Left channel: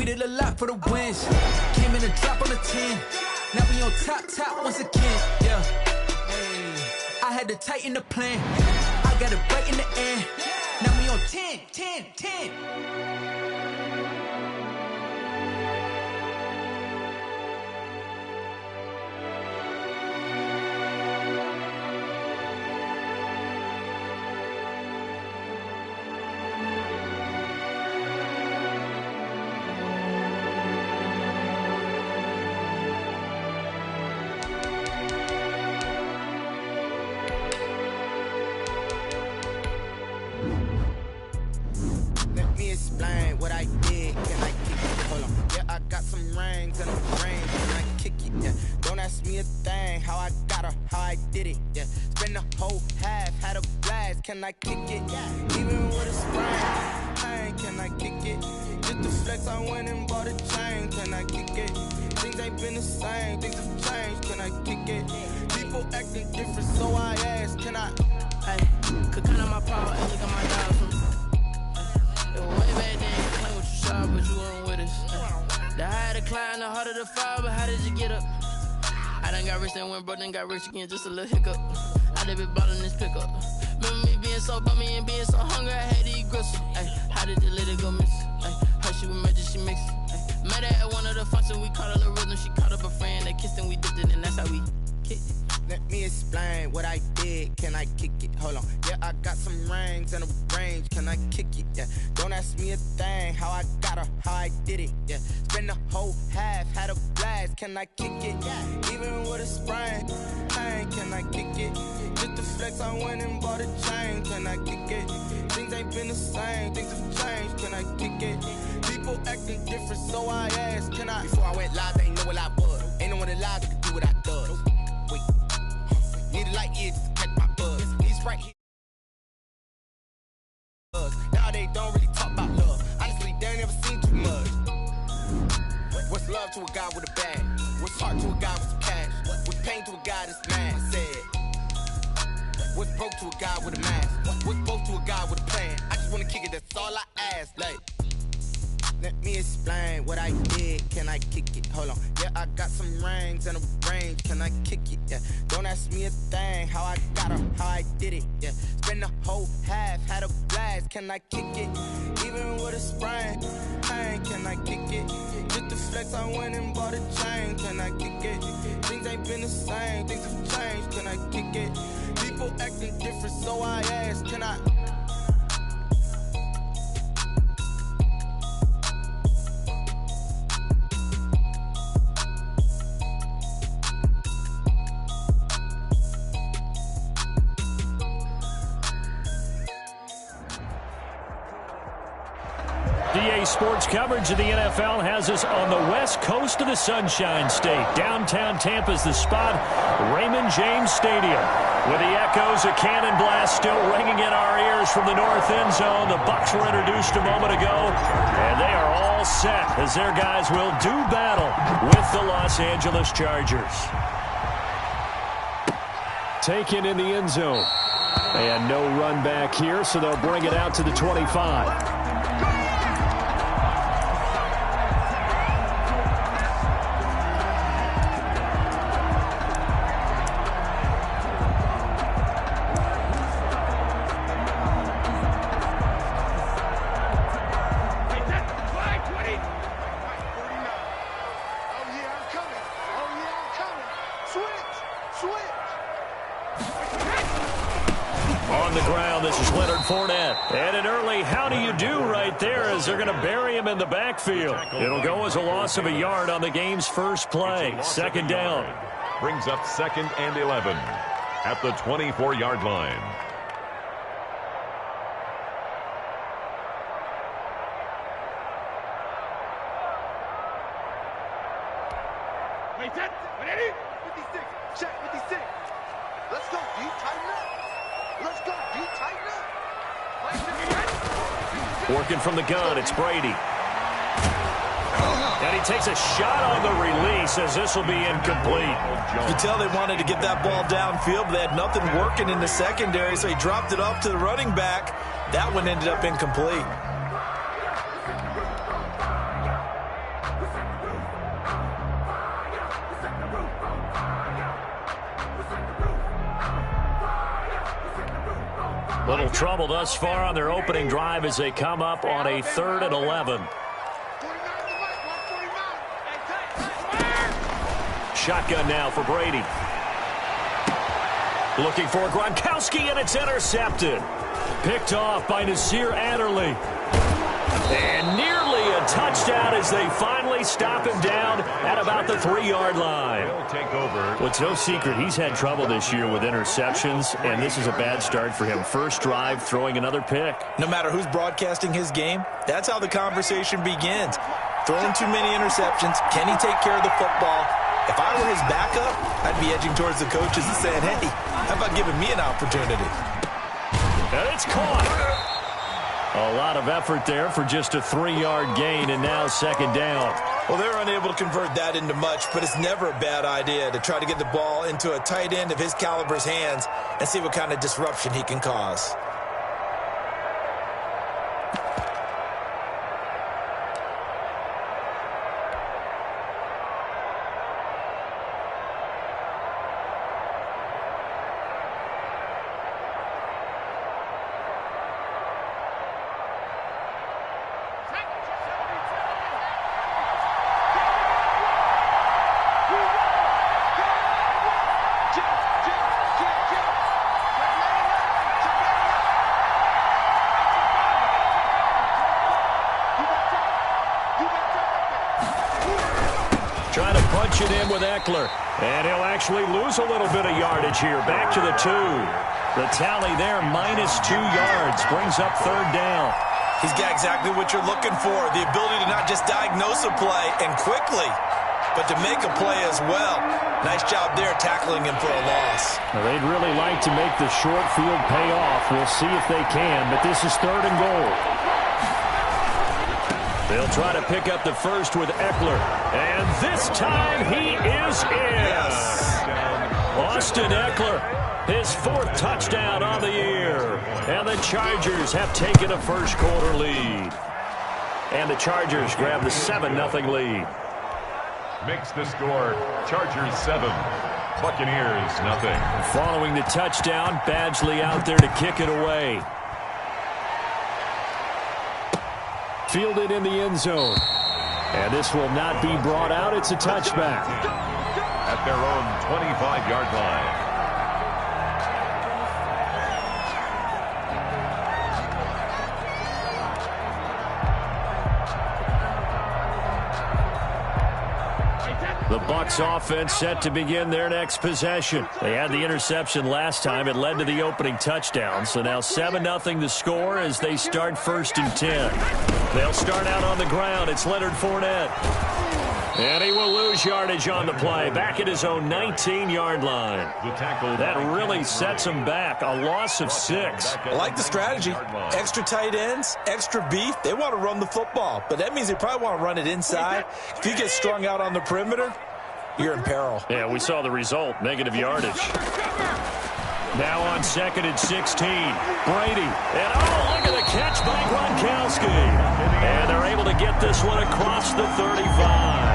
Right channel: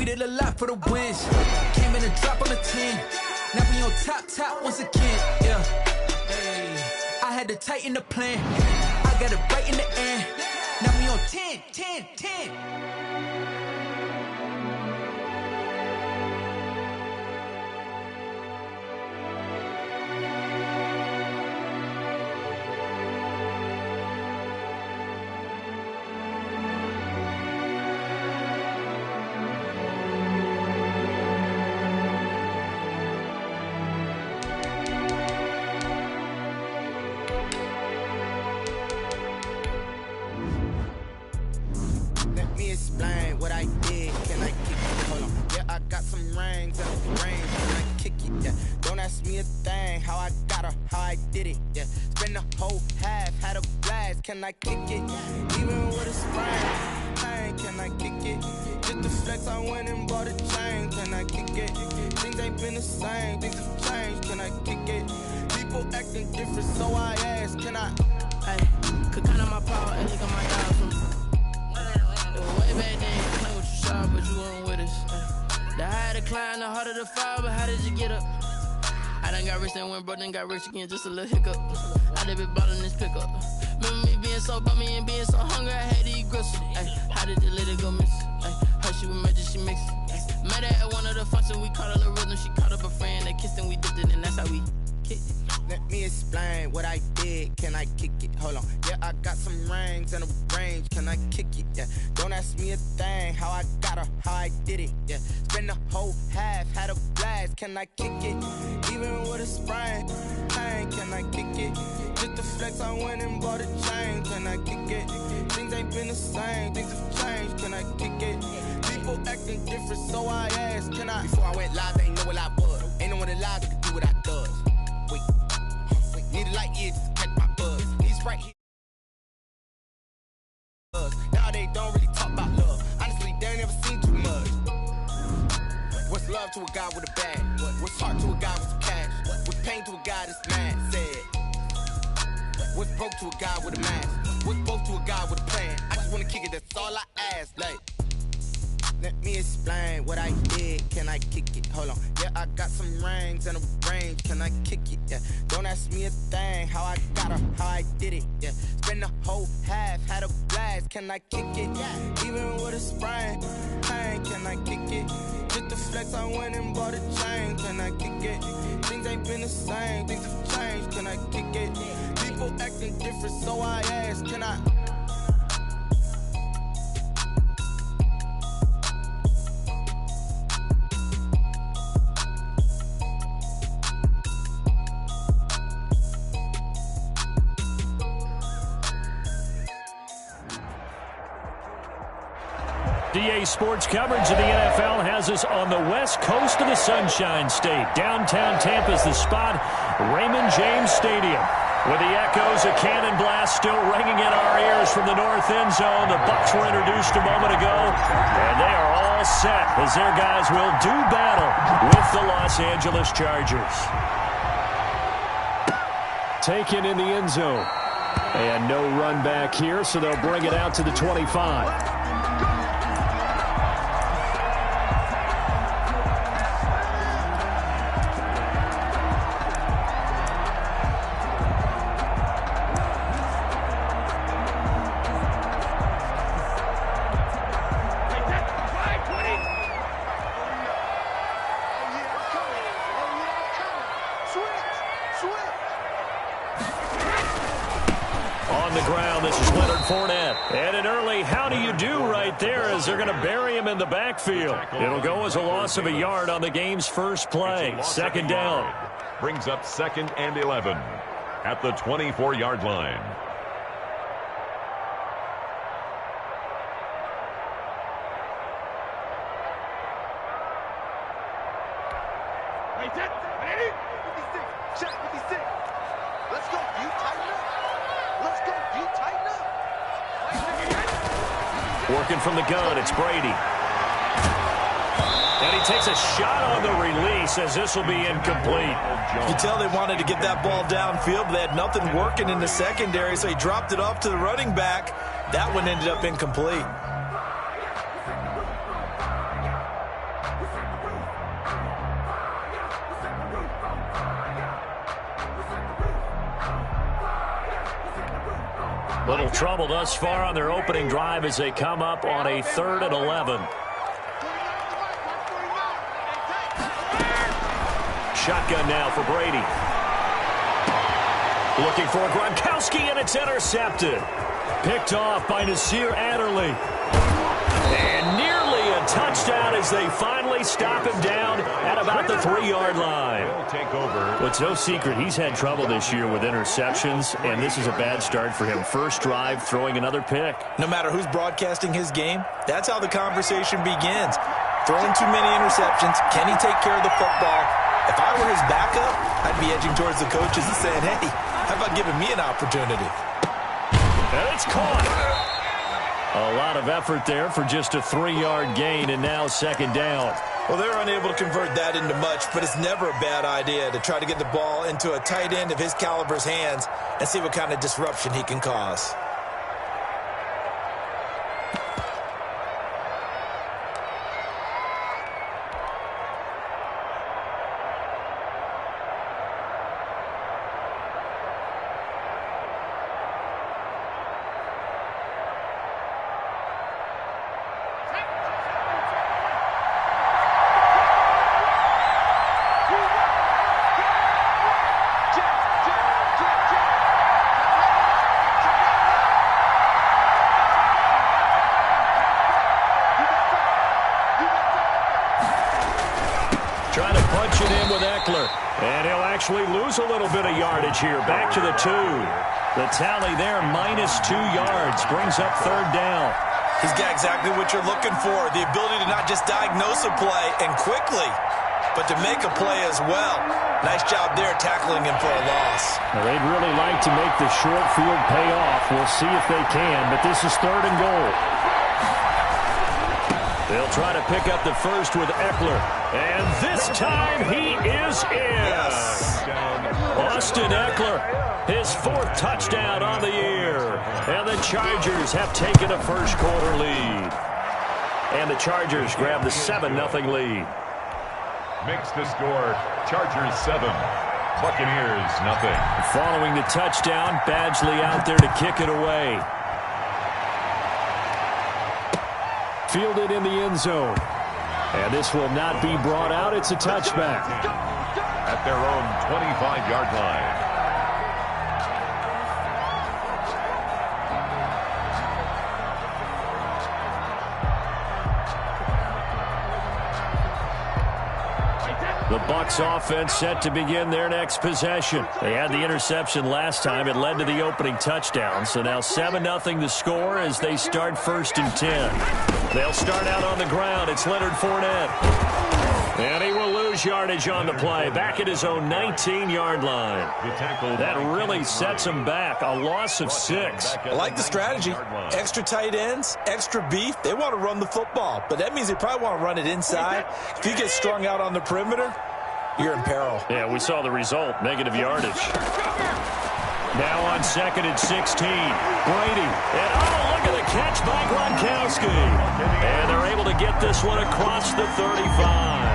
We did a lot for the wins. Came in and drop on the 10. Now we on top once again. Yeah. Hey. I had to tighten the plan. I got it right in the end. Now we on 10. Let me explain what I did. Can I kick it? Hold on. Yeah, I got some rings and a range. Can I kick it? Yeah. Don't ask me a thing. How I got her, how I did it. Yeah. Spend the whole half, had a blast. Can I kick it? Even with a sprain. Hey, can I kick it? Just to flex, I went and bought a chain. Can I kick it? Things ain't been the same. Things have changed. Can I kick it? People acting different, so I ask. Can I? Hey, could count on my power and look at my dials from. Way back then, you playing with your shot, but you weren't with us. The higher the climb, the harder the fall, but how did you get up? I done got rich, then went broke, then got rich again, just a little hiccup. I done been ballin' this pickup. Remember me being so bummy and being so hungry, I had to eat gristle. Ay, how did the lady go miss? Ay, her she was magic, she mixed. Ay, met her at one of the functions, we caught a little rhythm, she caught up a friend, they kissed and we dipped it, and that's how we kicked it. Let me explain what I did. Can I kick it? Hold on. Yeah, I got some rings and a range. Can I kick it? Yeah. Don't ask me a thing. How I got her, how I did it. Yeah. Spend the whole half, had a blast. Can I kick it? Even with a sprain. Hey, can I kick it? Just to flex, I went and bought a chain. Can I kick it? Things ain't been the same. Things have changed. Can I kick it? People acting different, so I asked. Can I? Before I went live, they ain't know what I was. Ain't no one alive that could do what I does. Wait. Need a light ear just to catch my buzz. These right here. Now they don't really talk about love. Honestly, they ain't never seen too much. What's love to a guy with a bag? What's heart to a guy with some cash? What's pain to a guy that's mad? Said. What's broke to a guy with a mask? What's broke to a guy with a plan? I just wanna kick it, that's all I ask. Like. Let me explain what I did. Can I kick it? Hold on. Yeah, I got some rings and a range. Can I kick it? Yeah. Don't ask me a thing. How I got her, how I did it. Yeah. Spend the whole half, had a blast. Can I kick it? Even with a sprain. Hey, can I kick it? Just to flex, I went and bought a chain. Can I kick it? Things ain't been the same. Things have changed. Can I kick it? People acting different, so I ask. Can I? DA Sports coverage of the NFL has us on the west coast of the Sunshine State. Downtown Tampa's the spot, Raymond James Stadium. With the echoes of cannon blast still ringing in our ears from the north end zone, the Bucs were introduced a moment ago, and they are all set as their guys will do battle with the Los Angeles Chargers. Taken in the end zone. And no run back here, so they'll bring it out to the 25. On the ground, this is Leonard Fournette. And an early how do you do right there as they're going to bury him in the backfield. It'll go as a loss of a yard on the game's first play. Second down. Brings up 2nd and 11 at the 24-yard line. Wait, set. 56. Check 56. Let's go. Do you tighten up? Let's go. Do you tighten up? Working from the gun, it's Brady. And he takes a shot on the release as this will be incomplete. You can tell they wanted to get that ball downfield, but they had nothing working in the secondary, so he dropped it off to the running back. That one ended up incomplete. Little trouble thus far on their opening drive as they come up on a 3rd and 11. Shotgun now for Brady. Looking for Gronkowski, and it's intercepted. Picked off by Nasir Adderley. And nearly a touchdown as they finally stop him down at about the 3-yard line. Well, it's no secret he's had trouble this year with interceptions, and this is a bad start for him. First drive, throwing another pick. No matter who's broadcasting his game, that's how the conversation begins. Throwing too many interceptions. Can he take care of the football? If I were his backup, I'd be edging towards the coaches and saying, hey, how about giving me an opportunity? And it's caught. A lot of effort there for just a 3-yard gain, and now 2nd down. Well, they're unable to convert that into much, but it's never a bad idea to try to get the ball into a tight end of his caliber's hands and see what kind of disruption he can cause. Trying to punch it in with Eckler. And he'll actually lose a little bit of yardage here. Back to the 2. The tally there, -2 yards. Brings up 3rd down. He's got exactly what you're looking for. The ability to not just diagnose a play and quickly, but to make a play as well. Nice job there tackling him for a loss. Now, they'd really like to make the short field pay off. We'll see if they can, but this is 3rd and goal. They'll try to pick up the first with Eckler. And this time he is in. Yes. Austin Eckler, his 4th touchdown on the year. And the Chargers have taken a first-quarter lead. And the Chargers grab the 7-0 lead. Makes the score Chargers 7, Buccaneers 0. Following the touchdown, Badgley out there to kick it away. Fielded in the end zone. And this will not be brought out. It's a touchback. At their own 25-yard line. The Bucs offense set to begin their next possession. They had the interception last time. It led to the opening touchdown. So now 7-0 the score as they start 1st and 10. They'll start out on the ground. It's Leonard Fournette. And he will lose yardage on the play. Back at his own 19-yard line. That really sets him back. A loss of 6. I like the strategy. Extra tight ends, extra beef. They want to run the football, but that means they probably want to run it inside. If you get strung out on the perimeter, you're in peril. Yeah, we saw the result. Negative yardage. Now on 2nd and 16. Brady. And oh, look at the catch by Gronkowski. And they're able to get this one across the 35.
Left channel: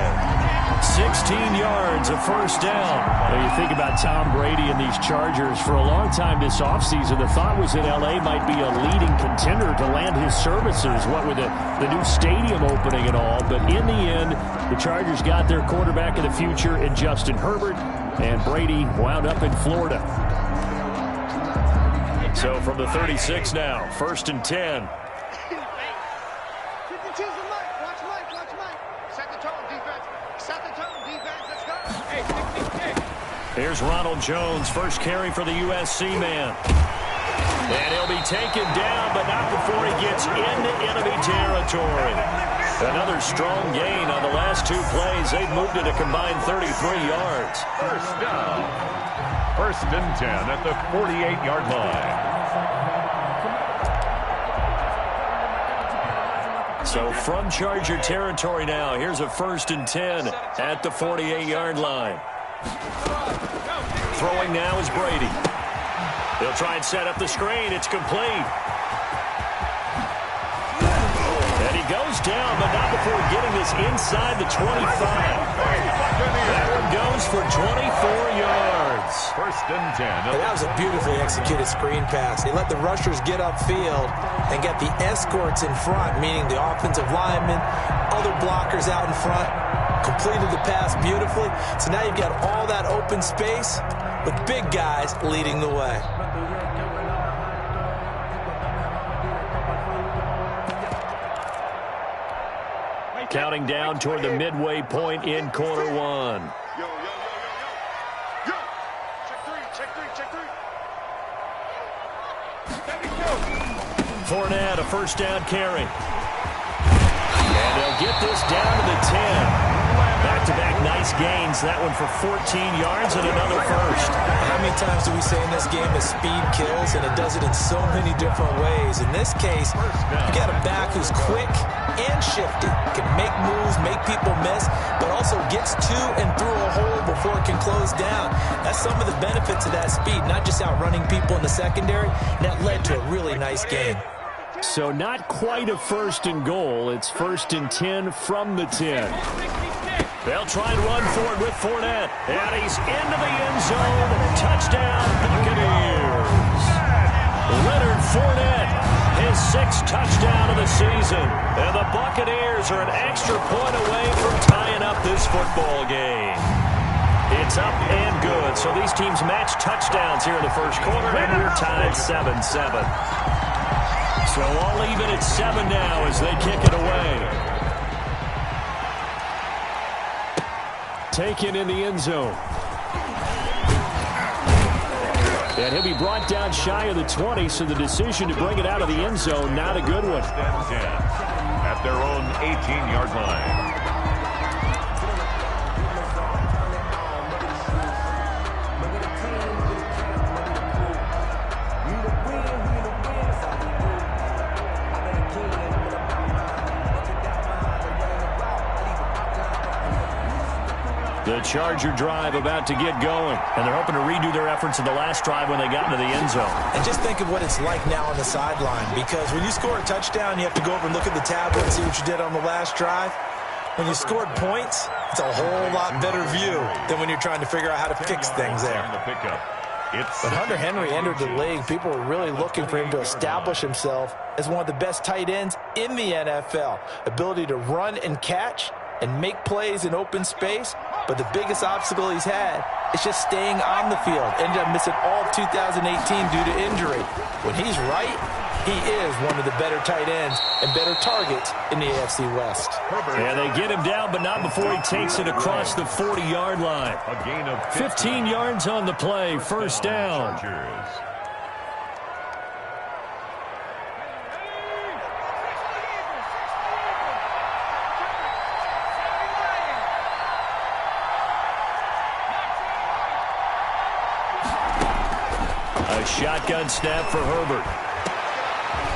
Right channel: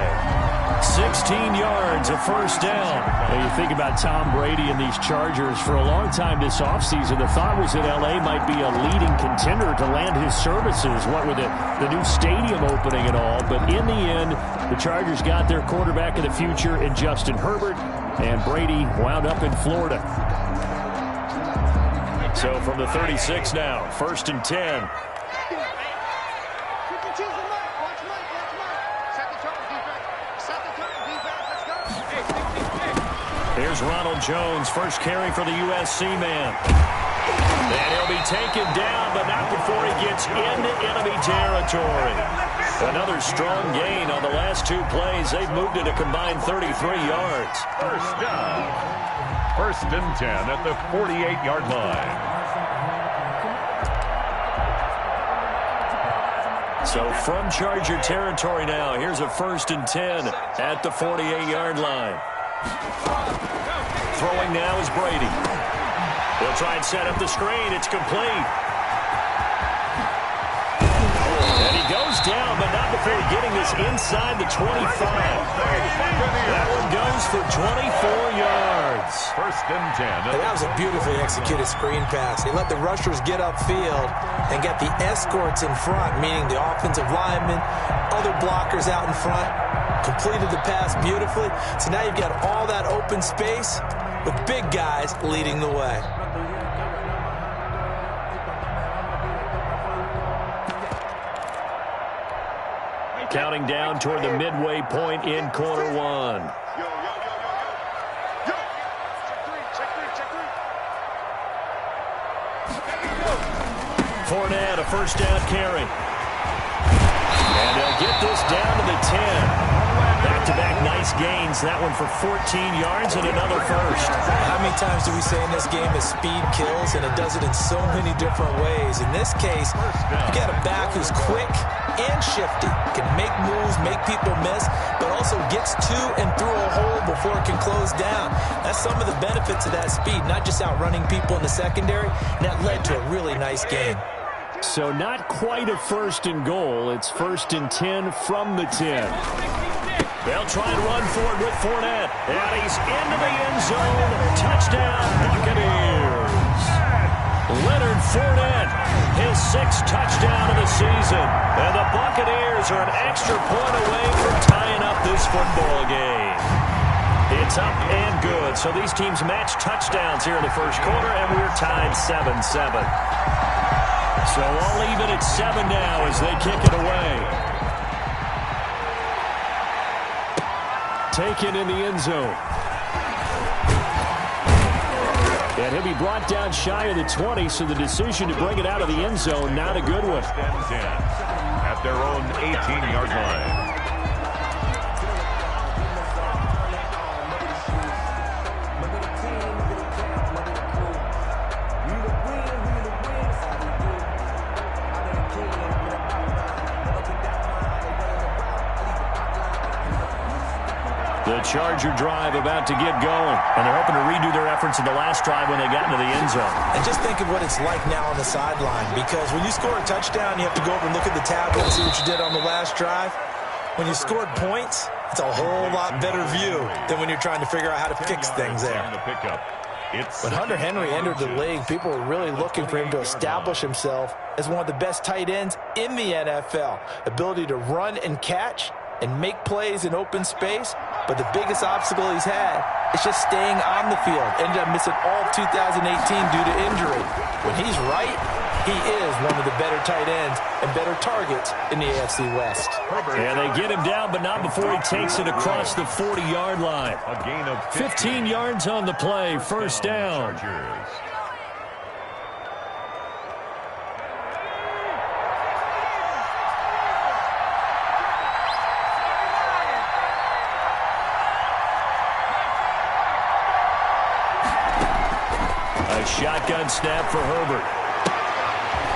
16 yards, a first down. Now you think about Tom Brady and these Chargers. For a long time this offseason, the thought was that L.A. might be a leading contender to land his services, what with the new stadium opening and all. But in the end, the Chargers got their quarterback of the future in Justin Herbert, and Brady wound up in Florida. So from the 36 now, 1st and 10. Here's Ronald Jones, first carry for the USC man. And he'll be taken down, but not before he gets into enemy territory. Another strong gain on the last 2 plays. They've moved it a combined 33 yards. First down. 1st and 10 at the 48-yard line. So from Charger territory now, here's a 1st and 10 at the 48-yard line. Throwing now is Brady. He'll try and set up the screen. It's complete. And he goes down, but not before getting this inside the 25. That one goes for 24 yards. First and 10. And that was a beautifully executed screen pass. They let the rushers get upfield and get the escorts in front, meaning the offensive linemen, other blockers out in front, completed the pass beautifully. So now you've got all that open space with big guys leading the way. Counting down toward the midway point in quarter one. Yo. Check three. Fournette, a first down carry. And they'll get this down to the 10. Back-to-back nice gains. That one for 14 yards and another first. How many times do we say in this game that speed kills, and it does it in so many different ways? In this case, you got a back who's quick and shifty, can make moves, make people miss, but also gets to and through a hole before it can close down. That's some of the benefits of that speed, not just outrunning people in the secondary, and that led to a really nice game. So not quite a first and goal. It's first and 10 from the 10. They'll try and run for it with Fournette. And he's into the end zone. Touchdown, Buccaneers. Leonard Fournette, his 6th touchdown of the season. And the Buccaneers are an extra point away from tying up this football game. It's up and good. So these teams match touchdowns here in the first quarter, and we're tied 7-7. So all even at 7 now as they kick it away. Taken in the end zone. And he'll be brought down shy of the 20, so the decision to bring it out of the end zone, not a good one. At their own 18-yard line. The Charger drive about to get going, and they're hoping to redo their efforts in the last drive when they got into the end zone. And just think of what it's like now on the sideline, because when you score a touchdown, you have to go over and look at the tablet and see what you did on the last drive. When you scored points, it's a whole lot better view than when you're trying to figure out how to fix things there. But Hunter Henry entered the league. People were really looking for him to establish himself as one of the best tight ends in the NFL. Ability to run and catch and make plays in open space, but the biggest obstacle he's had is just staying on the field. Ended up missing all of 2018 due to injury. When he's right, he is one of the better tight ends and better targets in the AFC West. And they get him down, but not before he takes it across the 40-yard line. A gain of 15 yards on the play, first down. A shotgun snap for Herbert.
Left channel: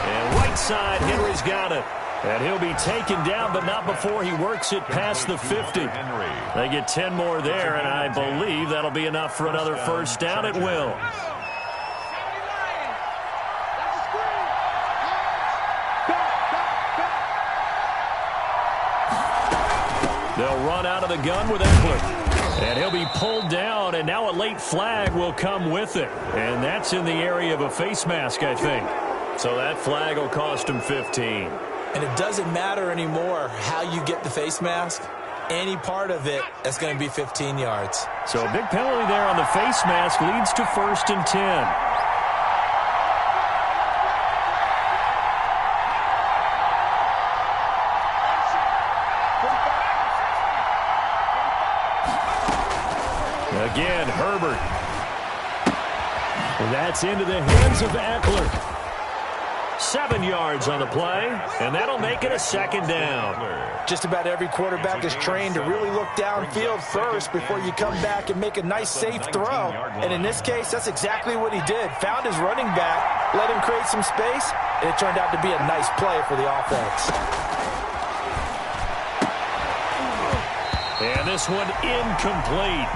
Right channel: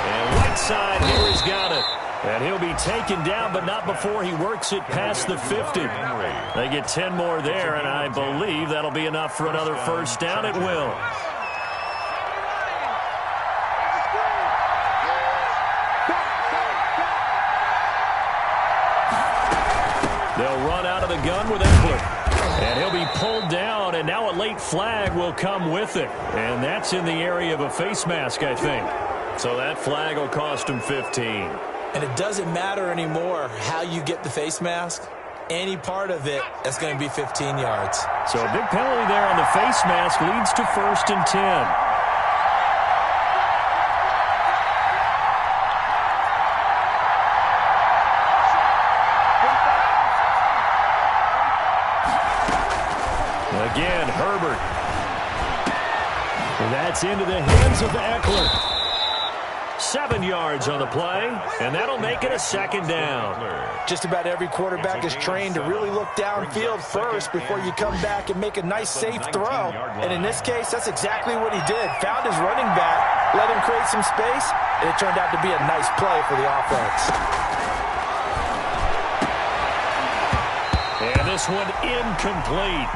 And Whiteside, Henry's got it. And he'll be taken down, but not before he works it past the 50. They get 10 more there, and I believe that'll be enough for another first down. It will. They'll run out of the gun with Eckler. And he'll be pulled down, and now a late flag will come with it. And that's in the area of a face mask, I think. So that flag will cost him 15. And it doesn't matter anymore how you get the face mask. Any part of it, that's going to be 15 yards. So a big penalty there on the face mask leads to first and 10. Again, Herbert. And that's into the hands of Eckler. 7 yards on the play, and that'll make it a second down. Just about every quarterback is trained to really look downfield first before you come back and make a nice, safe throw. And in this case, that's exactly what he did. Found his running back, let him create some space, and it turned out to be a nice play for the offense. And this one incomplete.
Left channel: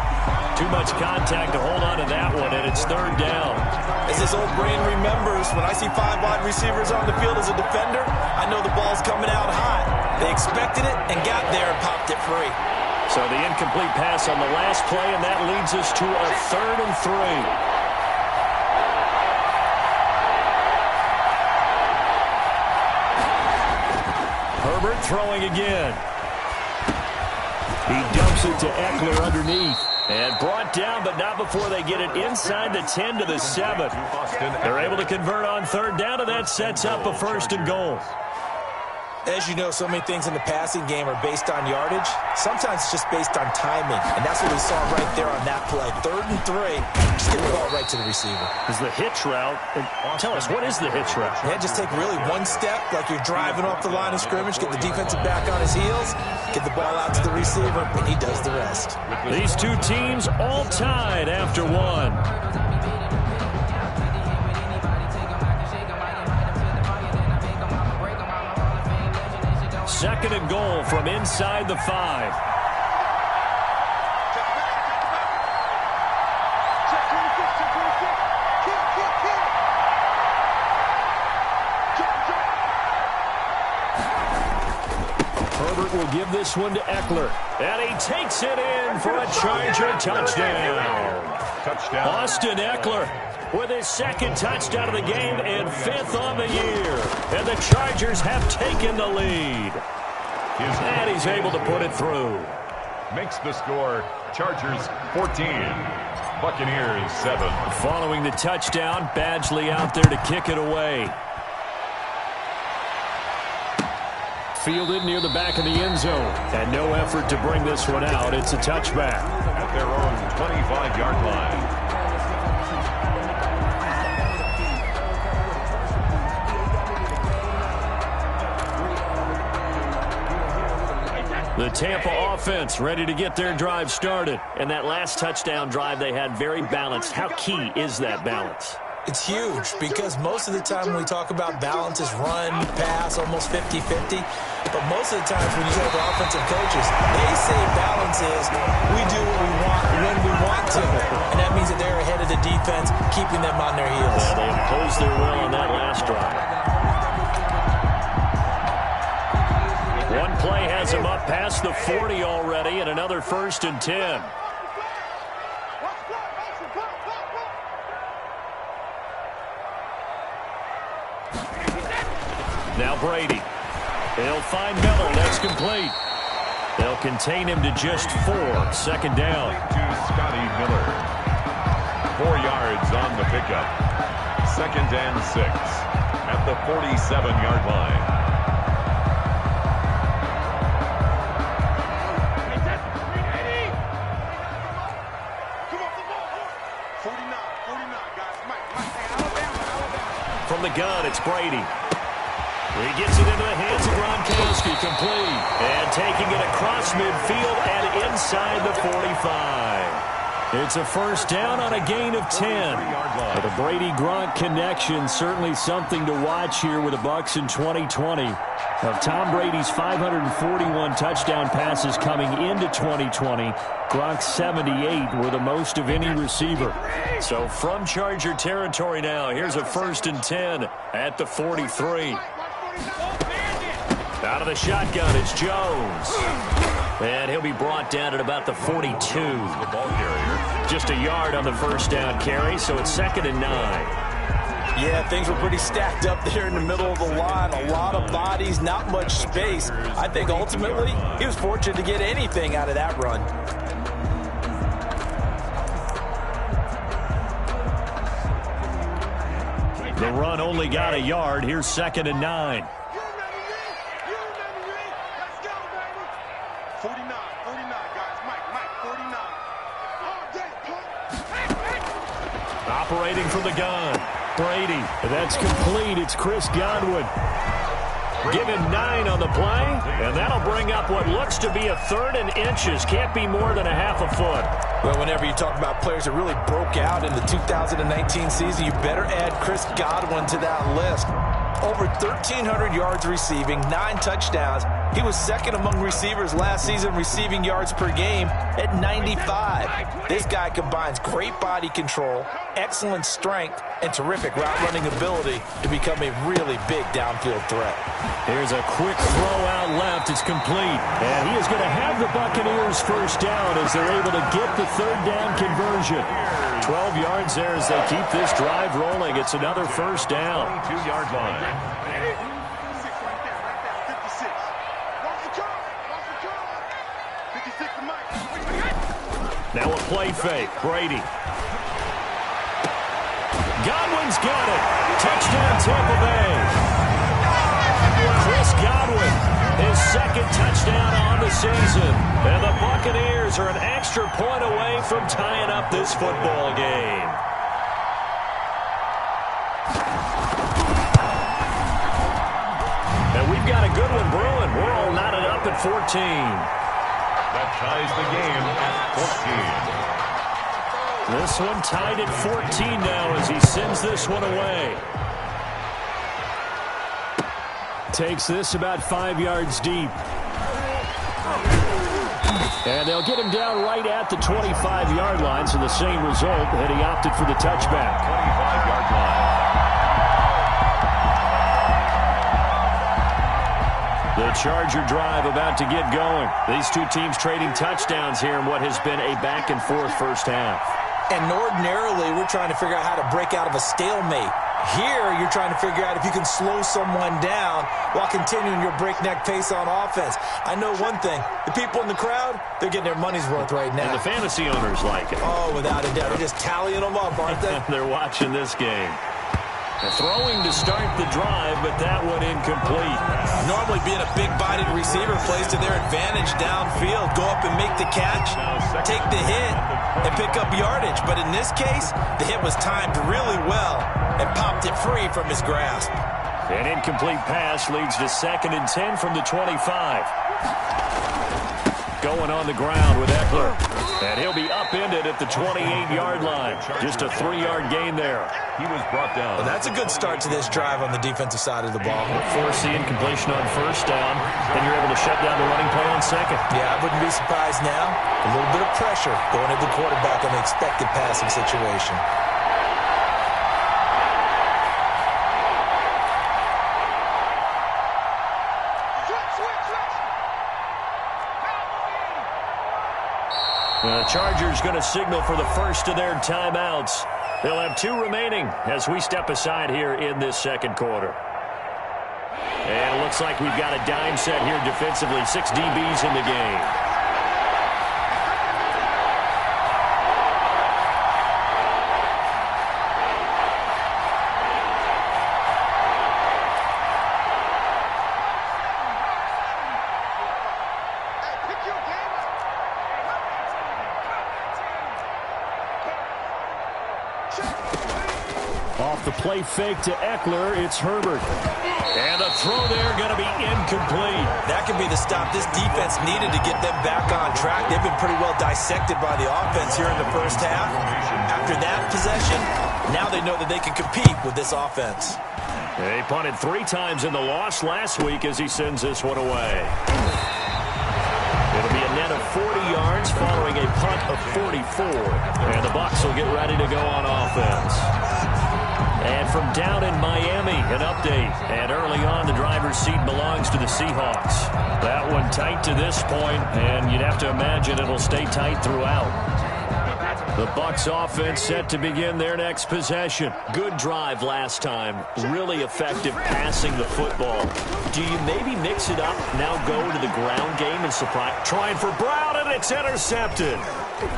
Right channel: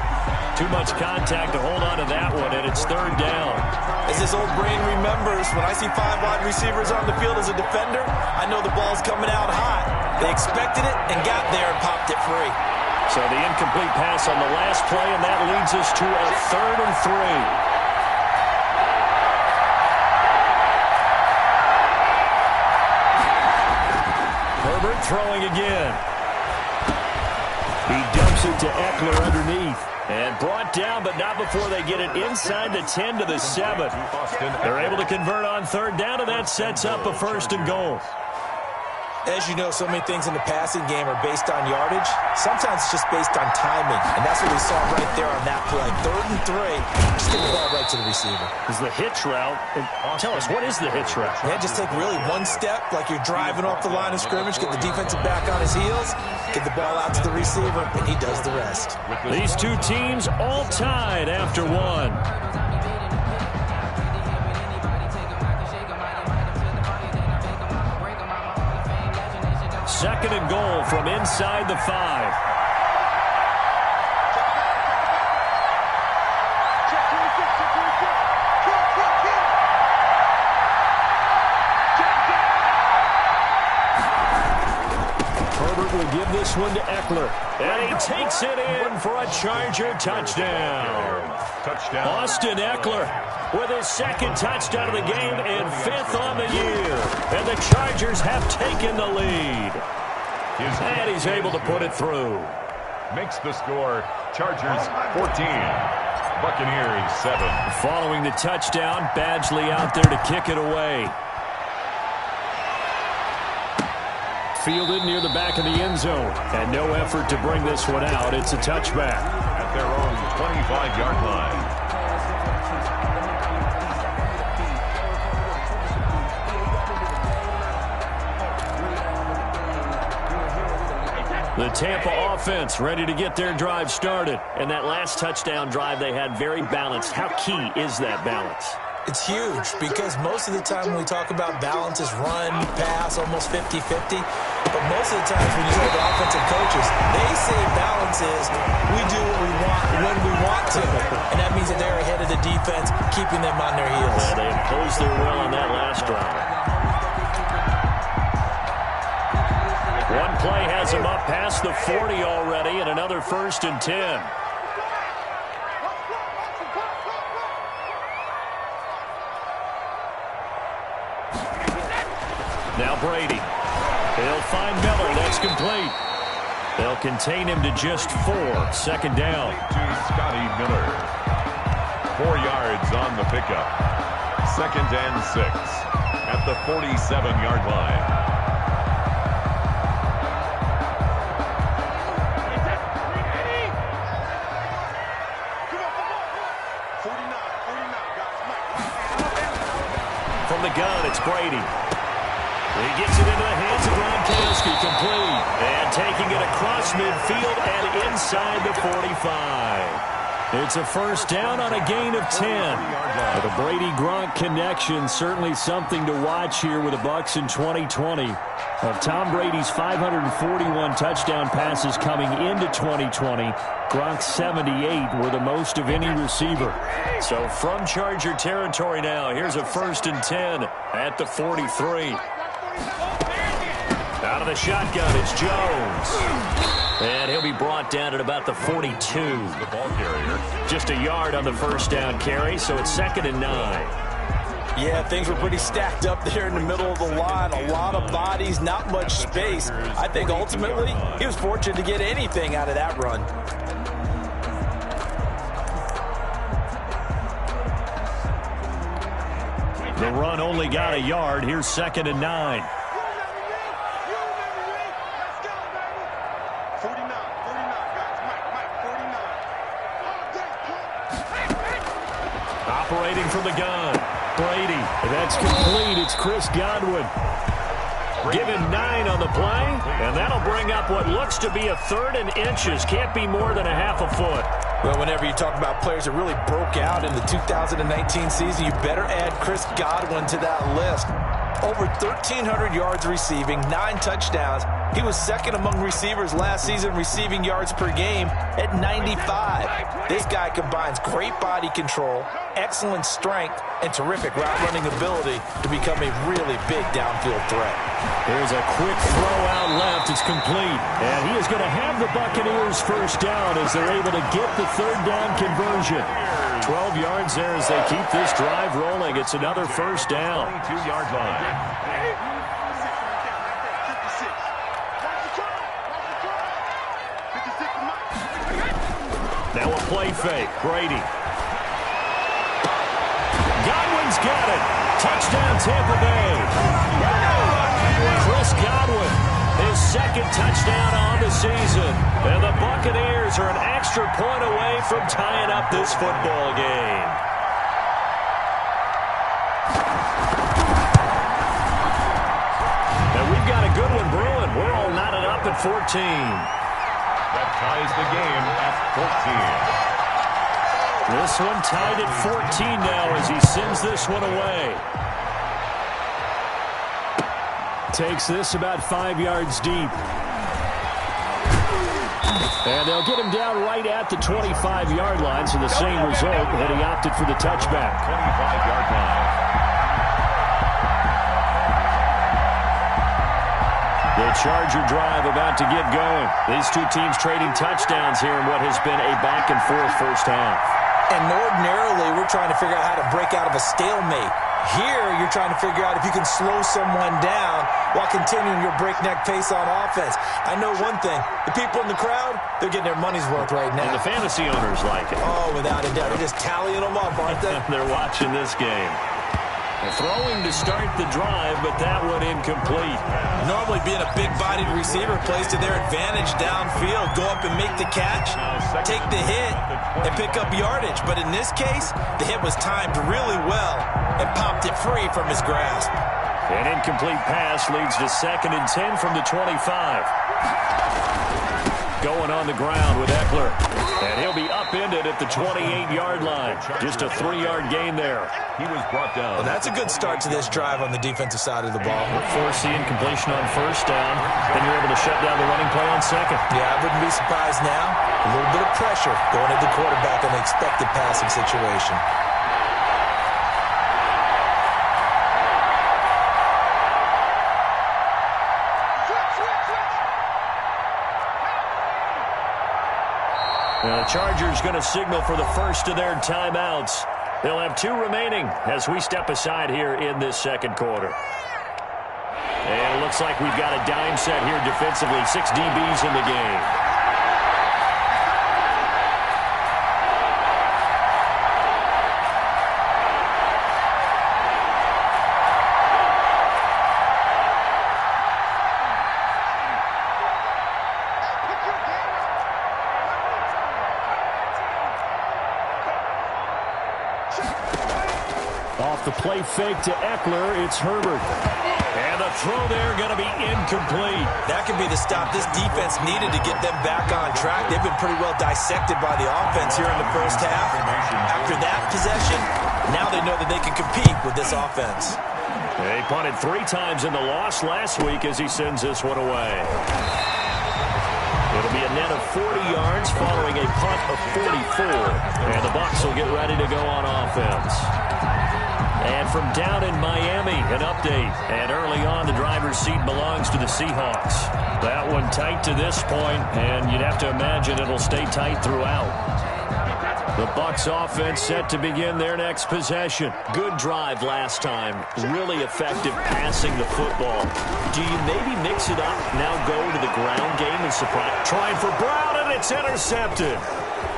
Too much contact to hold on to that one, and it's third down. As this old brain remembers, when I see 5 wide receivers on the field as a defender, I know the ball's coming out hot. They expected it and got there and popped it free. So the incomplete pass on the last play, and that leads us to a 3rd and 3. Herbert throwing again. He dumps it to Eckler underneath. And brought down, but not before they get it inside the 10 to the 7. They're able to convert on 3rd down, and that sets up a 1st and goal. As you know, so many things in the passing game are based on yardage. Sometimes it's just based on timing, and that's what we saw right there on that play. 3rd and 3, just get the ball right to the receiver. Is the hitch route. Tell us, what is the hitch route? Yeah, just take really one step like you're driving off the line of scrimmage, get the defensive back on his heels, get the ball out to the receiver, and he does the rest. These two teams all tied after one. 2nd and goal from inside the 5. Herbert will give this one to Eckler. And he takes it in for a Charger touchdown. Austin Eckler with his 2nd touchdown of the game and 5th on the year. And the Chargers have taken the lead. And he's able to put it through. Makes the score Chargers 14, Buccaneers 7. Following the touchdown, Badgley out there to kick it away. Fielded near the back of the end zone. And no effort to bring this one out. It's a touchback. At their own 25-yard line. The Tampa offense ready to get their drive started. And that last touchdown drive they had very balanced. How key is that balance? It's huge because most of the time when we talk about balance is run, pass, almost 50-50. But most of the times when you talk to offensive coaches, they say balance is we do what we want when we want to. And that means that they're ahead of the defense, keeping them on their heels. Yeah, they imposed their will on that last drive. One play has him up past the 40 already, and another 1st and 10. Now Brady. He'll find Miller. That's complete. They'll contain him to just 4. 2nd down. To Scotty Miller. 4 yards on the pickup. 2nd and 6 at the 47-yard line. From the gun, it's Brady. He gets it into the hands of Gronkowski, complete. And taking it across midfield and inside the 45. It's a 1st down on a gain of 10. The Brady-Gronk connection, certainly something to watch here with the Bucs in 2020. Of Tom Brady's 541 touchdown passes coming into 2020, Gronk's 78 were the most of any receiver. So from Charger territory now, here's a 1st and 10 at the 43. Out of the shotgun, it's Jones. And he'll be brought down at about the 42. The ball carrier. Just a yard on the 1st down carry, so it's 2nd and 9. Yeah, things were pretty stacked up there in the middle of the line. A lot of bodies, not much space. I think ultimately he was fortunate to get anything out of that run. The run only got a yard. Here's 2nd and 9. 49, guys. Mike, 49. Operating from the gun. Brady. That's complete. It's Chris Godwin. Give him 9 on the play, and that'll bring up what looks to be a 3rd and inches. Can't be more than a half a foot. Well, whenever you talk about players that really broke out in the 2019 season, you better add Chris Godwin to that list. Over 1,300 yards receiving, 9 touchdowns, He was second among receivers last season receiving yards per game at 95. This guy combines great body control, excellent strength, and terrific route running ability to become a really big downfield threat. Here's a quick throw out left. It's complete. And he is going to have the Buccaneers first down as they're able to get the third down conversion. 12 yards there as they keep this drive rolling. It's another first down. 22-yard line. Now a play fake. Brady. Godwin's got it. Touchdown, Tampa Bay. Chris Godwin, his second touchdown on the season. And the Buccaneers are an extra point away from tying up this football game. And we've got a good one brewing. We're all knotted up at 14. That ties the game at 14. This one tied at 14 now as he sends this one away. Takes this about 5 yards deep. And they'll get him down right at the 25-yard line, so the same result that he opted for the touchback. 25-yard line. The Charger drive about to get going. These two teams trading touchdowns here in what has been a back-and-forth first half. And ordinarily, we're trying to figure out how to break out of a stalemate. Here, you're trying to figure out if you can slow someone down while continuing your breakneck pace on offense. I know one thing. The people in the crowd, they're getting their money's worth right now. And the fantasy owners like it. Oh, without a doubt. They're just tallying them up, aren't they? They're watching this game. They're throwing to start the drive, but that one incomplete. Normally being a big-bodied receiver plays to their advantage downfield. Go up and make the catch, take the hit, and pick up yardage. But in this case, the hit was timed really well and popped it free from his grasp. An incomplete pass leads to 2nd and 10 from the 25. Going on the ground with Eckler. And he'll be upended at the 28-yard line. Just a 3-yard gain there. He was brought down. Well, that's a good start to this drive on the defensive side of the ball. Force the incompletion on first down. Then you're able to shut down the running play on second. Yeah, I wouldn't be surprised now. A little bit of pressure going at the quarterback in an expected passing situation. The Chargers going to signal for the first of their timeouts. They'll have 2 remaining as we step aside here in this second quarter. And it looks like we've got a dime set here defensively. 6 DBs in the game. Off the play fake to Eckler, it's Herbert. And the throw there going to be incomplete. That could be the stop this defense needed to get them back on track. They've been pretty well dissected by the offense here in the first half. After that possession, now they know that they can compete with this offense. He punted 3 times in the loss last week as he sends this one away. It'll be a net of 40 yards following a punt of 44. And the Bucs will get ready to go on offense. And from down in Miami, an update. And early on, the driver's seat belongs to the Seahawks. That one tight to this point, and you'd have to imagine it'll stay tight throughout. The Bucs offense set to begin their next possession. Good drive last time. Really effective passing the football. Do you maybe mix it up, now go to the ground game and surprise? Trying for Brown, and it's intercepted.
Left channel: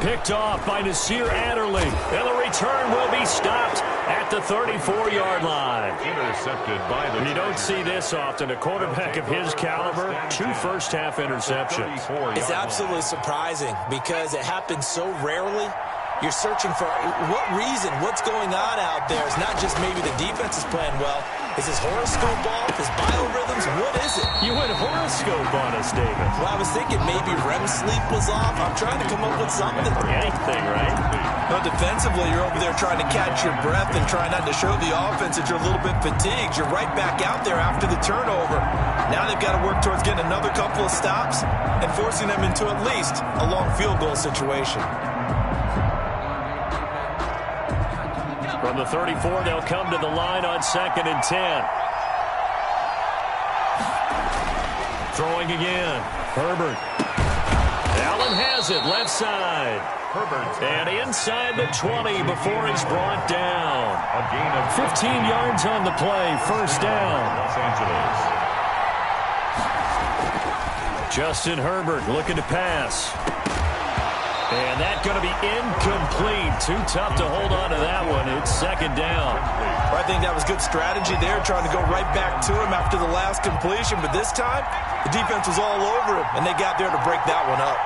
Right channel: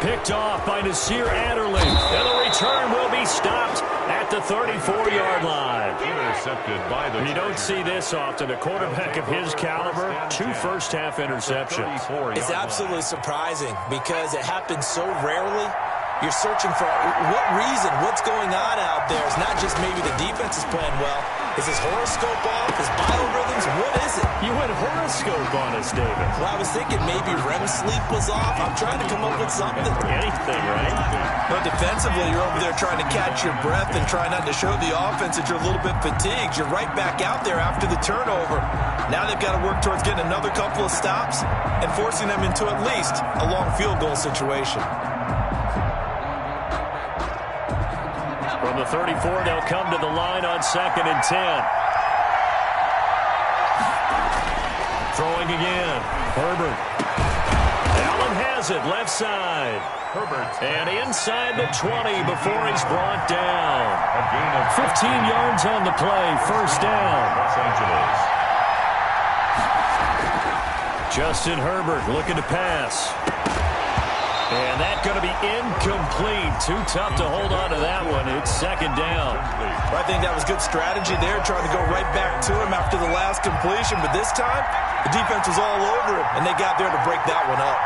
Picked off by Nasir Adderley. And the return will be stopped at the 34-yard line. Intercepted by the You don't see this often. A quarterback of his caliber, 2 first-half interceptions. It's absolutely surprising because it happens so rarely. You're searching for what reason, what's going on out there. It's not just maybe the defense is playing well. Is his horoscope off? with his biorhythms? What is it? You went horoscope on us, David. Well, I was thinking maybe REM sleep was off. I'm trying to come up with something. Anything, right? No, defensively, you're over there trying to catch your breath and try not to show the offense that you're a little bit fatigued. You're right back out there after the turnover. Now they've got to work towards getting another couple of stops and forcing them into at least a long field goal situation. From the 34, they'll come to the line on 2nd and 10. Throwing again. Herbert. Allen has it, left side. Herbert. And inside the 20 before he's brought down. A gain of 15 yards on the play, first down. Los Angeles. Justin Herbert looking to pass. And that's going to be incomplete. Too tough to hold on to that one. It's 2nd down. I think that was good strategy there, trying to go right back to him after the last completion. But this time, the defense was all over him, and they got there to break that one up.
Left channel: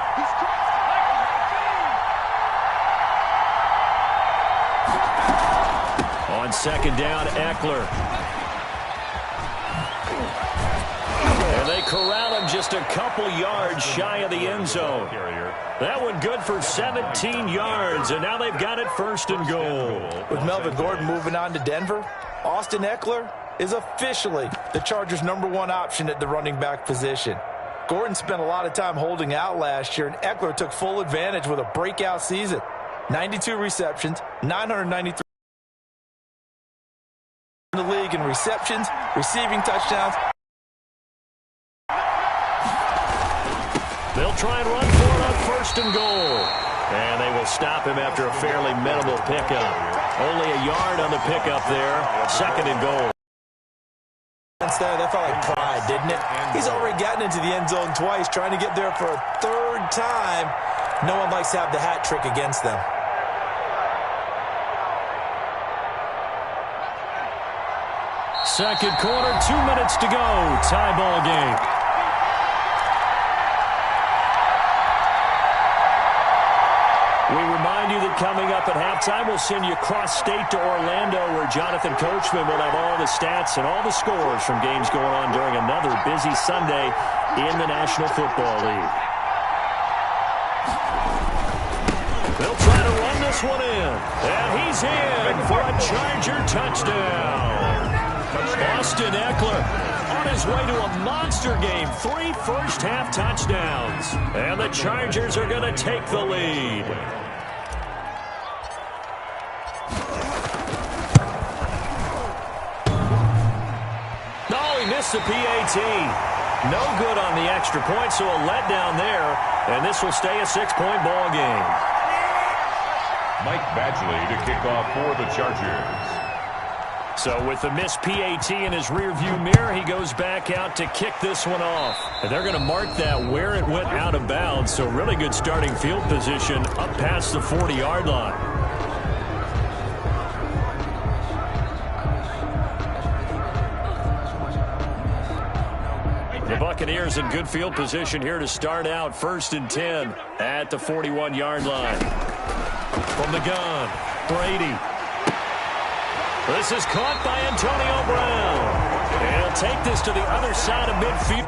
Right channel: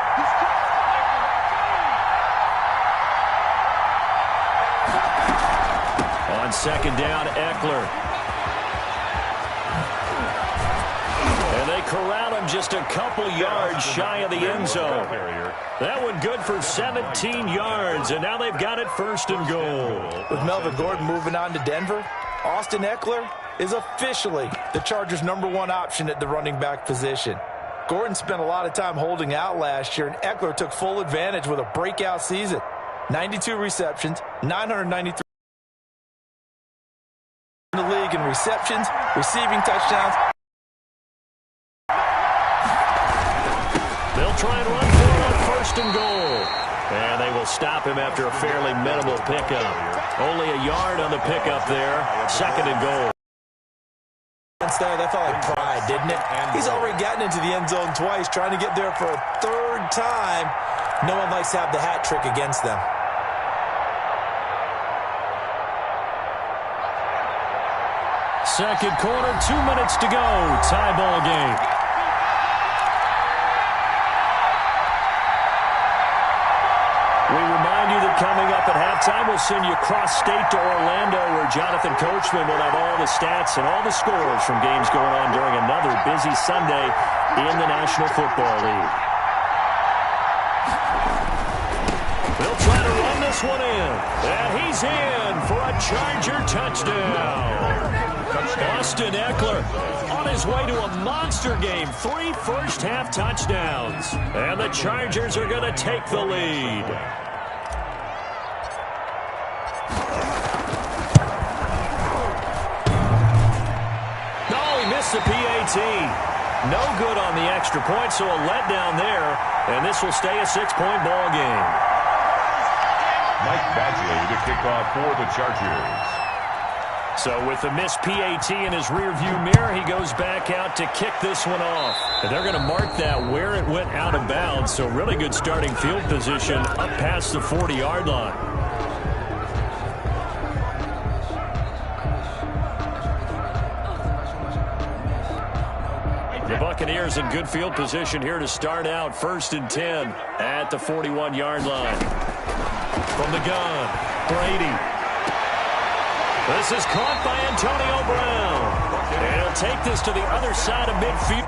On 2nd down, Eckler. And they corral him just a couple yards shy of the end zone. That one good for 17 yards, and now they've got it 1st and goal. With Melvin Gordon moving on to Denver, Austin Eckler is officially the Chargers' #1 option at the running back position. Gordon spent a lot of time holding out last year, and Eckler took full advantage with a breakout season. 92 receptions, 993 in the league in receptions, receiving touchdowns. They'll try and run for it on 1st and goal. And they will stop him after a fairly minimal pickup. Only a yard on the pickup there. 2nd and goal. Instead, that felt like pride, didn't it? He's already gotten into the end zone twice, trying to get there for a 3rd time. No one likes to have the hat trick against them. Second quarter, 2 minutes to go. Tie ball game. We remind you that coming up at halftime, we'll send you cross-state to Orlando, where Jonathan Coachman will have all the stats and all the scores from games going on during another busy Sunday in the National Football League. They'll try to run this one in. And he's in for a Charger touchdown. Austin Eckler on his way to a monster game. 3 first-half touchdowns. And the Chargers are going to take the lead. No, he missed the PAT. No good on the extra point, so a letdown there. And this will stay a 6-point ball game. Mike Badgley to kick off for the Chargers. So with the missed PAT in his rearview mirror, he goes back out to kick this one off. And they're going to mark that where it went out of bounds. So really good starting field position up past the 40-yard line. The Buccaneers in good field position here to start out 1st and 10 at the 41-yard line. From the gun, Brady. This is caught by Antonio Brown. And he'll take this to the other side of midfield.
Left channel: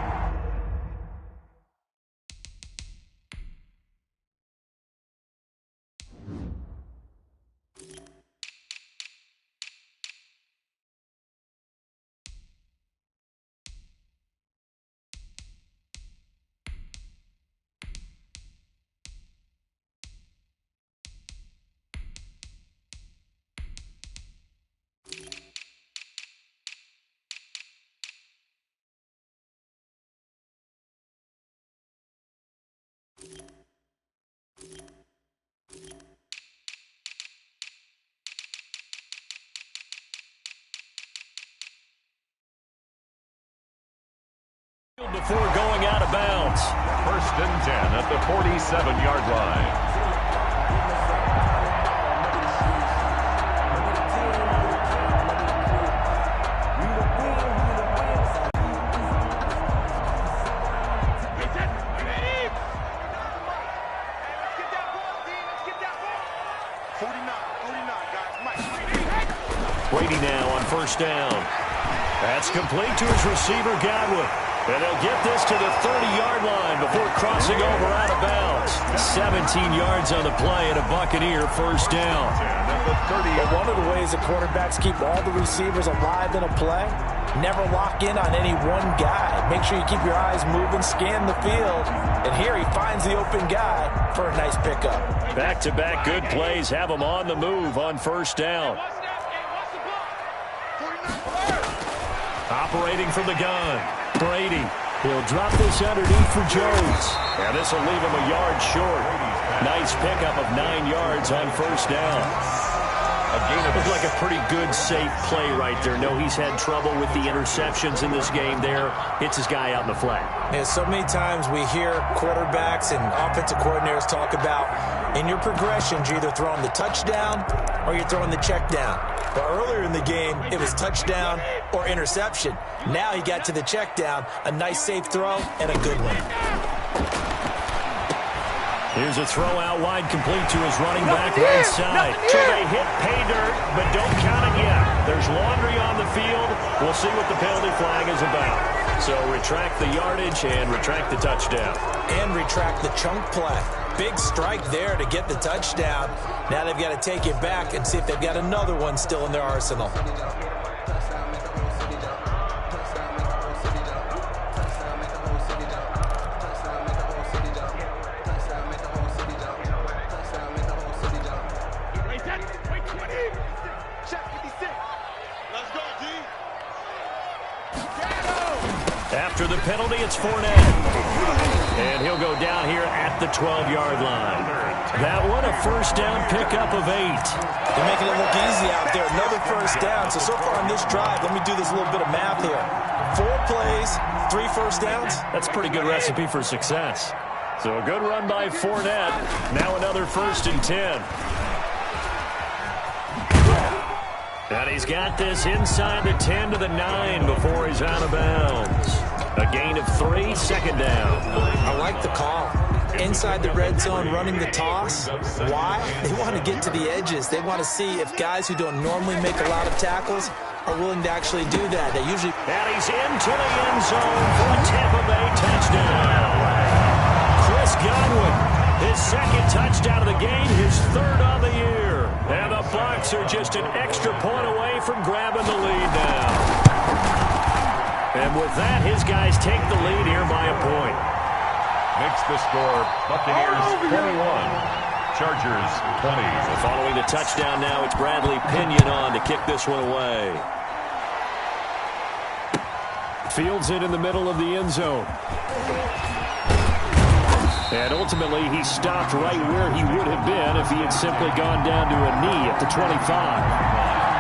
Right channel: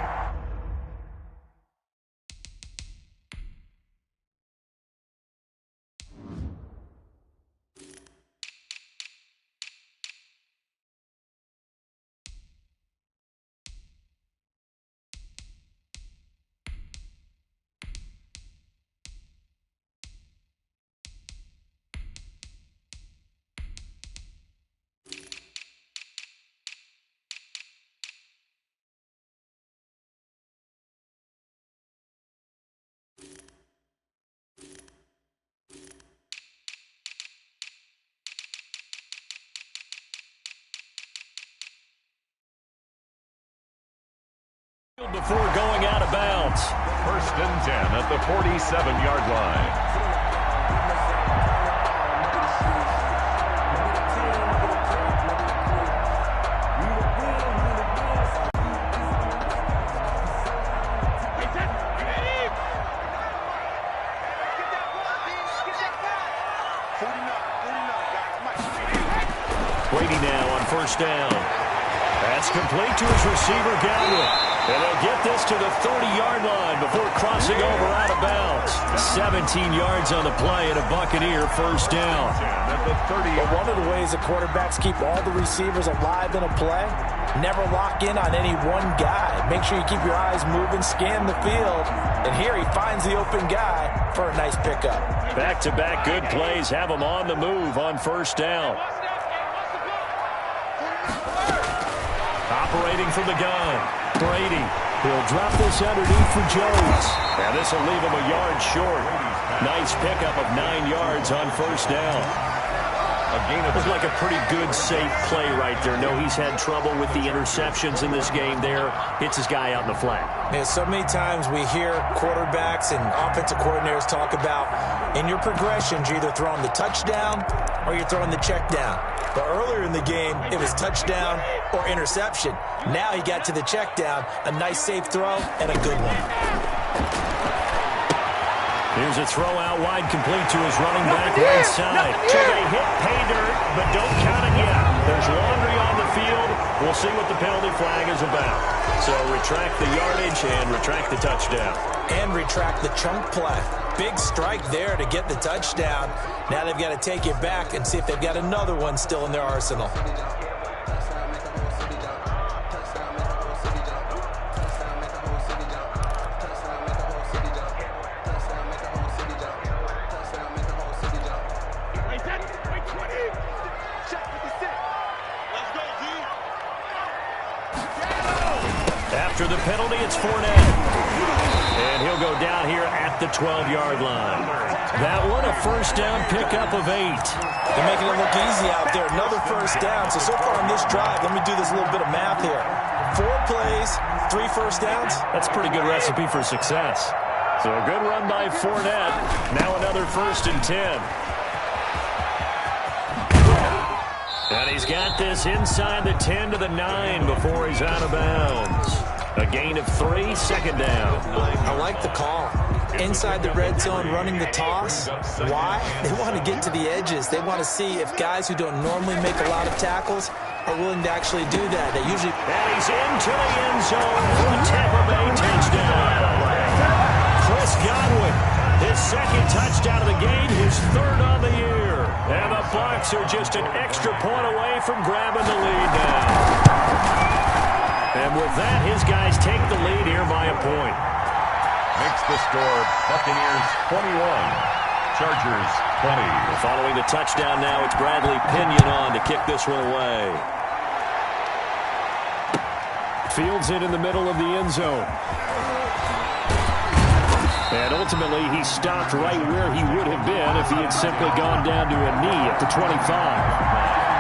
Before going out of bounds. 1st and 10 at the 47-yard line. Brady now on 1st down. That's complete to his receiver, Godwin. And they'll get this to the 30-yard line before crossing over out of bounds. 17 yards on the play and a Buccaneer first down. But one of the ways that quarterbacks keep all the receivers alive in a play, never lock in on any one guy. Make sure you keep your eyes moving, scan the field. And here he finds the open guy for a nice pickup. Back-to-back good plays have him on the move on first down. Operating from the gun, Brady. He'll drop this underneath for Jones. And this will leave him a yard short. Nice pickup of 9 yards on first down. Looks like a pretty good, safe play right there. No, he's had trouble with the interceptions in this game there. Hits his guy out in the flat. Yeah, so many times we hear quarterbacks and offensive coordinators talk about in your progressions, you're either throwing the touchdown or you're throwing the check down. But earlier in the game, it was touchdown or interception. Now he got to the check down, a nice safe throw, and a good one. Here's a throw out wide, complete to his running back right side. So they hit pay dirt, but don't count it yet. There's laundry on the field. We'll see what the penalty flag is about. So retract the yardage and retract the touchdown. And retract the chunk play. Big strike there to get the touchdown. Now they've got to take it back and see if they've got another one still in their arsenal. After the penalty, it's Fournette. And he'll go down here at the 12-yard line. That one, a first down pickup of 8. They're making it look easy out there. Another first down. So far on this drive, let me do this little bit of math here. 4 plays, 3 first downs. That's a pretty good recipe for success. So a good run by Fournette. Now another 1st and 10. And he's got this inside the 10 to the 9 before he's out of bounds. A gain of 3, second down. I like the call. Inside the red zone, running the toss. Why? They want to get to the edges. They want to see if guys who don't normally make a lot of tackles are willing to actually do that. They usually... And he's into the end zone for a Tampa Bay touchdown. Chris Godwin, his 2nd touchdown of the game, his 3rd on the year. And the Bucs are just an extra point away from grabbing the lead now. And with that, his guys take the lead here by a point. Makes the score Buccaneers 21, Chargers 20. So following the touchdown now, it's Bradley Pinion on to kick this one away. Fields it in the middle of the end zone. And ultimately, he stopped right where he would have been if he had simply gone down to a knee at the 25.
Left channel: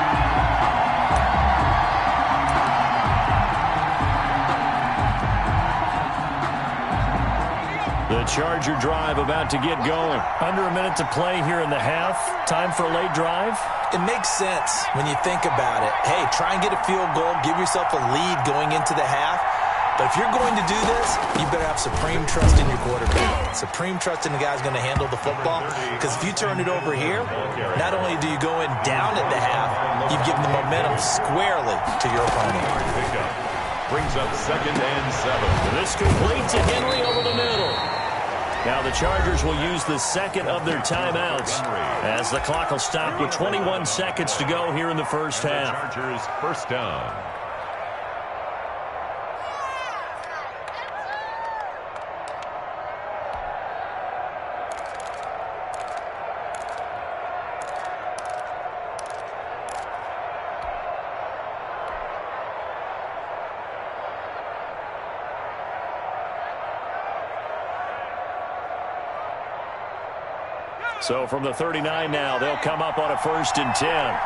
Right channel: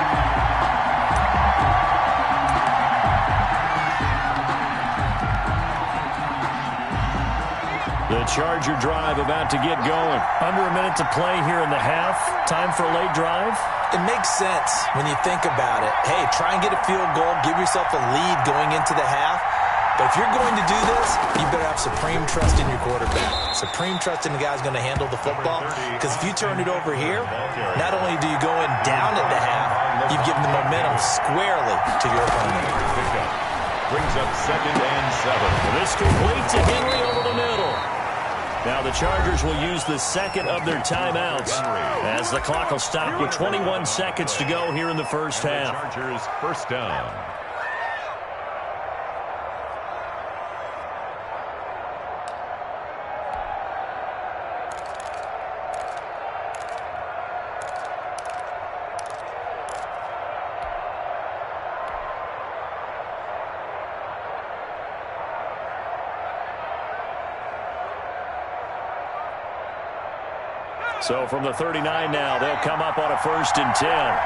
The Charger drive about to get going. Under a minute to play here in the half. Time for a late drive. It makes sense when you think about it. Hey, try and get a field goal. Give yourself a lead going into the half. But if you're going to do this, you better have supreme trust in your quarterback. Supreme trust in the guy's going to handle the football. Because if you turn it over here, not only do you go in down at the half, you've given the momentum squarely to your opponent. Brings up 2nd and 7. And this complete to Henry over the middle. Now the Chargers will use the 2nd of their timeouts as the clock will stop with 21 seconds to go here in the first half. Chargers first down. So from the 39 now, they'll come up on a 1st and 10.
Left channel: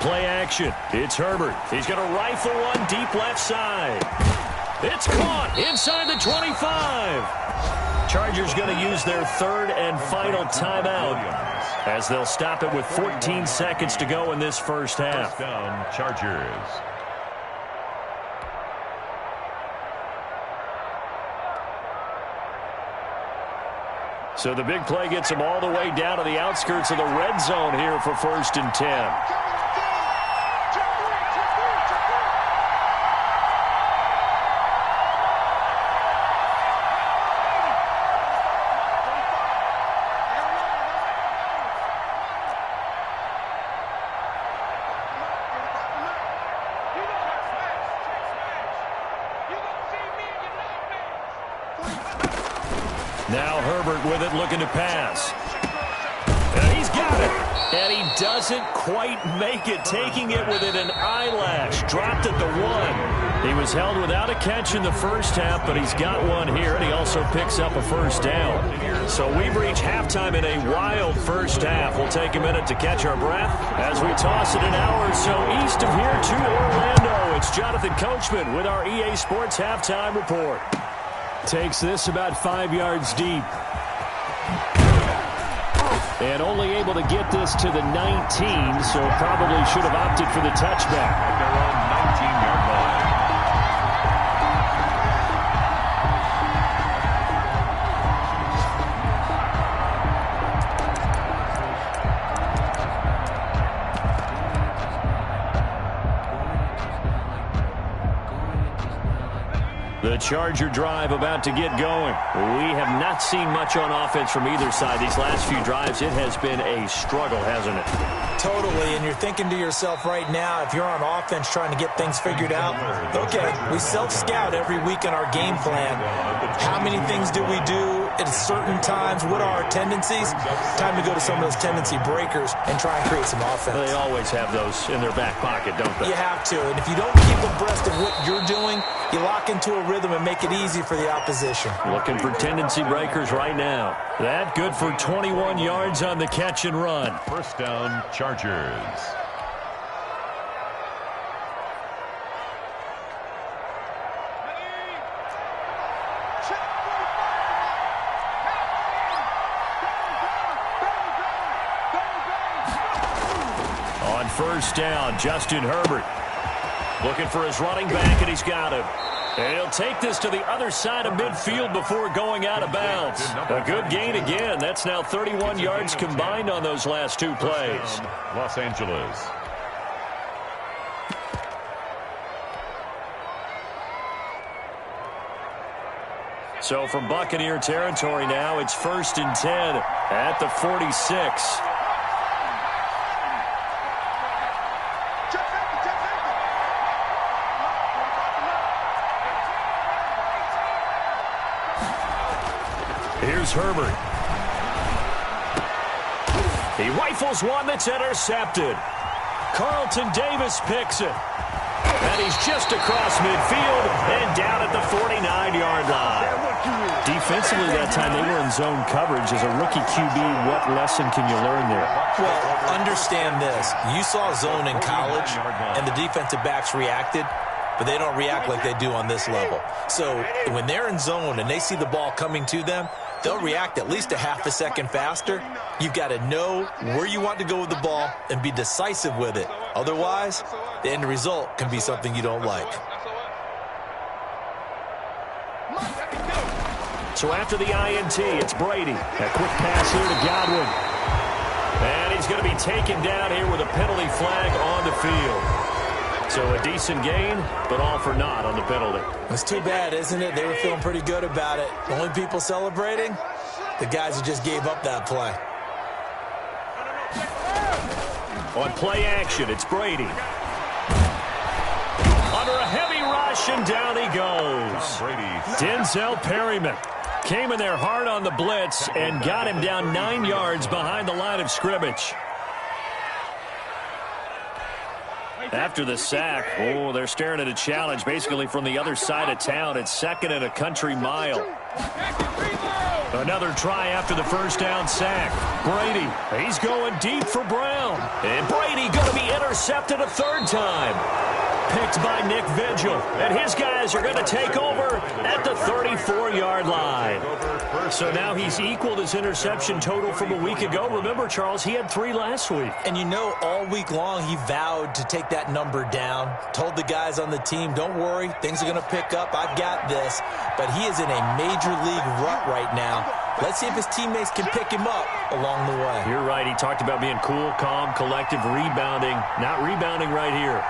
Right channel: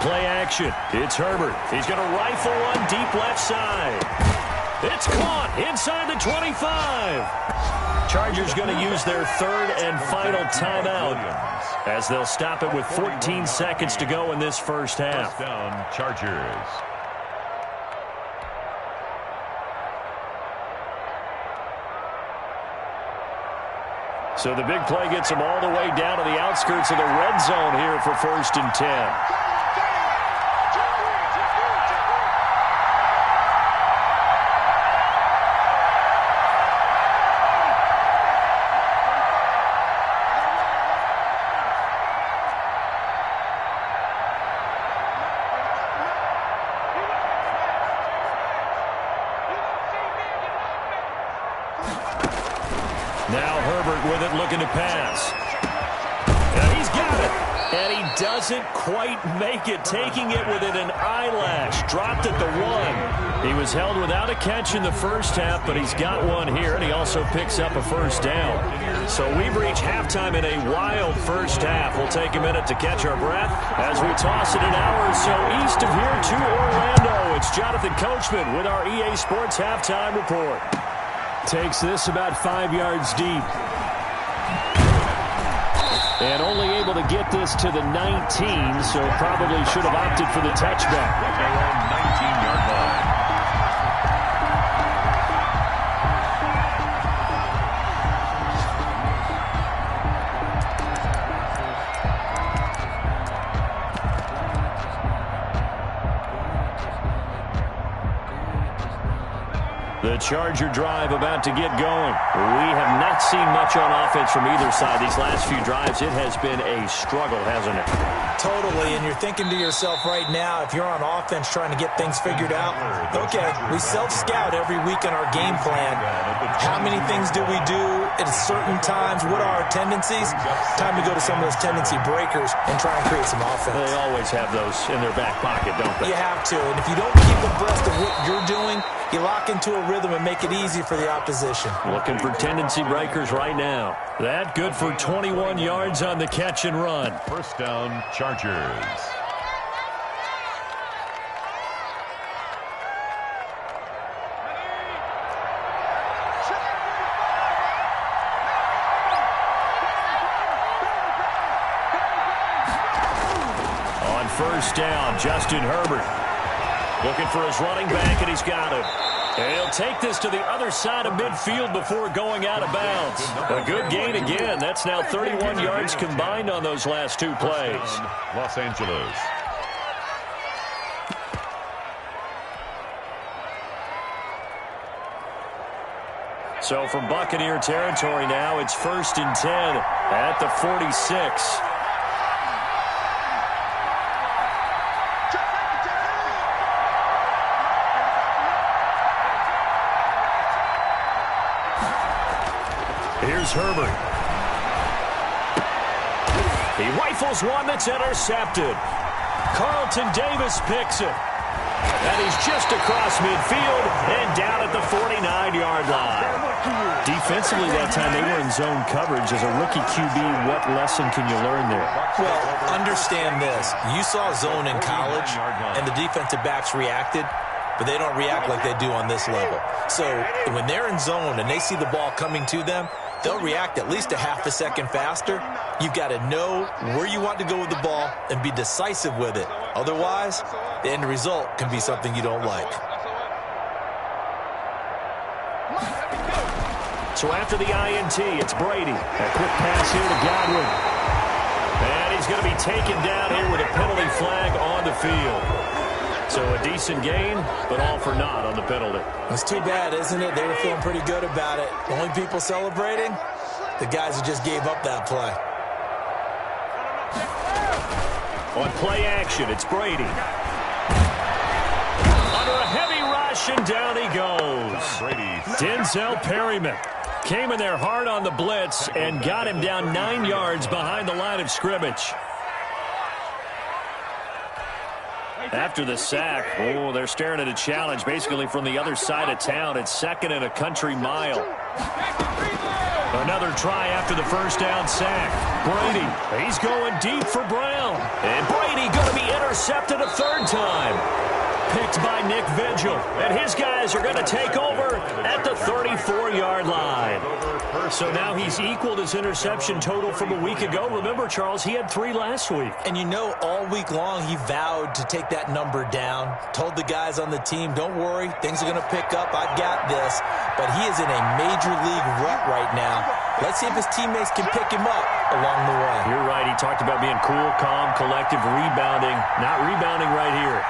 Play action. It's Herbert. He's going to rifle one deep left side. It's caught inside the 25. Chargers going to use their 3rd and final timeout as they'll stop it with 14 seconds to go in this first half. First down, Chargers. So the big play gets them all the way down to the outskirts of the red zone here for 1st and 10. Now Herbert with it, looking to pass. And he's got it. And he doesn't quite make it, taking it within an eyelash. Dropped at the 1. He was held without a catch in the first half, but he's got one here, and he also picks up a first down. So we've reached halftime in a wild first half. We'll take a minute to catch our breath as we toss it an hour or so east of here to Orlando. It's Jonathan Coachman with our EA Sports Halftime Report. Takes this about 5 yards deep. And only able to get this to the 19, so probably should have opted for the touchback. At their own 19-yard line. The Charger drive about to get going. We have not seen much on offense from either side. These last few drives, it has been a struggle, hasn't it? Totally, and you're thinking to yourself right now, if you're on offense trying to get things figured out, okay, we self-scout every week in our game plan. How many things do we do at certain times? What are our tendencies? Time to go to some of those tendency breakers and try and create some offense. They always have those in their back pocket, don't they? You have to, and if you don't keep abreast of what you're doing, you lock into a rhythm and make it easy for the opposition. Looking for tendency breakers right now. That good for 21 yards on the catch and run. First down, Chargers. On first down, Justin Herbert. Looking for his running back, and he's got him. And he'll take this to the other side of midfield before going out of bounds. A good gain again. That's now 31 yards combined on those last two plays. Los Angeles. So from Buccaneer territory now, it's 1st and 10 at the 46. Here's Herbert. He rifles one that's intercepted. Carlton Davis picks it. And he's just across midfield and down at the 49-yard line. Defensively that time, they were in zone coverage. As a rookie QB, what lesson can you learn there? Well, understand this. You saw zone in college, and the defensive backs reacted, but they don't react like they do on this level. So when they're in zone and they see the ball coming to them, they'll react at least a half a second faster. You've got to know where you want to go with the ball and be decisive with it. Otherwise, the end result can be something you don't like. So after the INT, it's Brady. A quick pass here to Godwin. And he's going to be taken down here with a penalty flag on the field. So a decent gain, but all for naught on the penalty. It's too bad, isn't it? They were feeling pretty good about it. The only people celebrating, the guys who just gave up that play. On play action, it's Brady. Under a heavy rush, and down he goes. Denzel Perryman came in there hard on the blitz and got him down 9 yards behind the line of scrimmage. After the sack, they're staring at a challenge basically from the other side of town. It's 2nd and a country mile. Another try after the first down sack. Brady, he's going deep for Brown. And Brady going to be intercepted a third time. Picked by Nick Vigil. And his guys are going to take over at the 34-yard line. So now he's equaled his interception total from a week ago. Remember, Charles, he had 3 last week. And you know, all week long he vowed to take that number down. Told the guys on the team, don't worry, things are going to pick up. I've got this. But he is in a major league rut right now. Let's see if his teammates can pick him up along the way. You're right. He talked about being cool, calm, collective, rebounding. Not rebounding right here.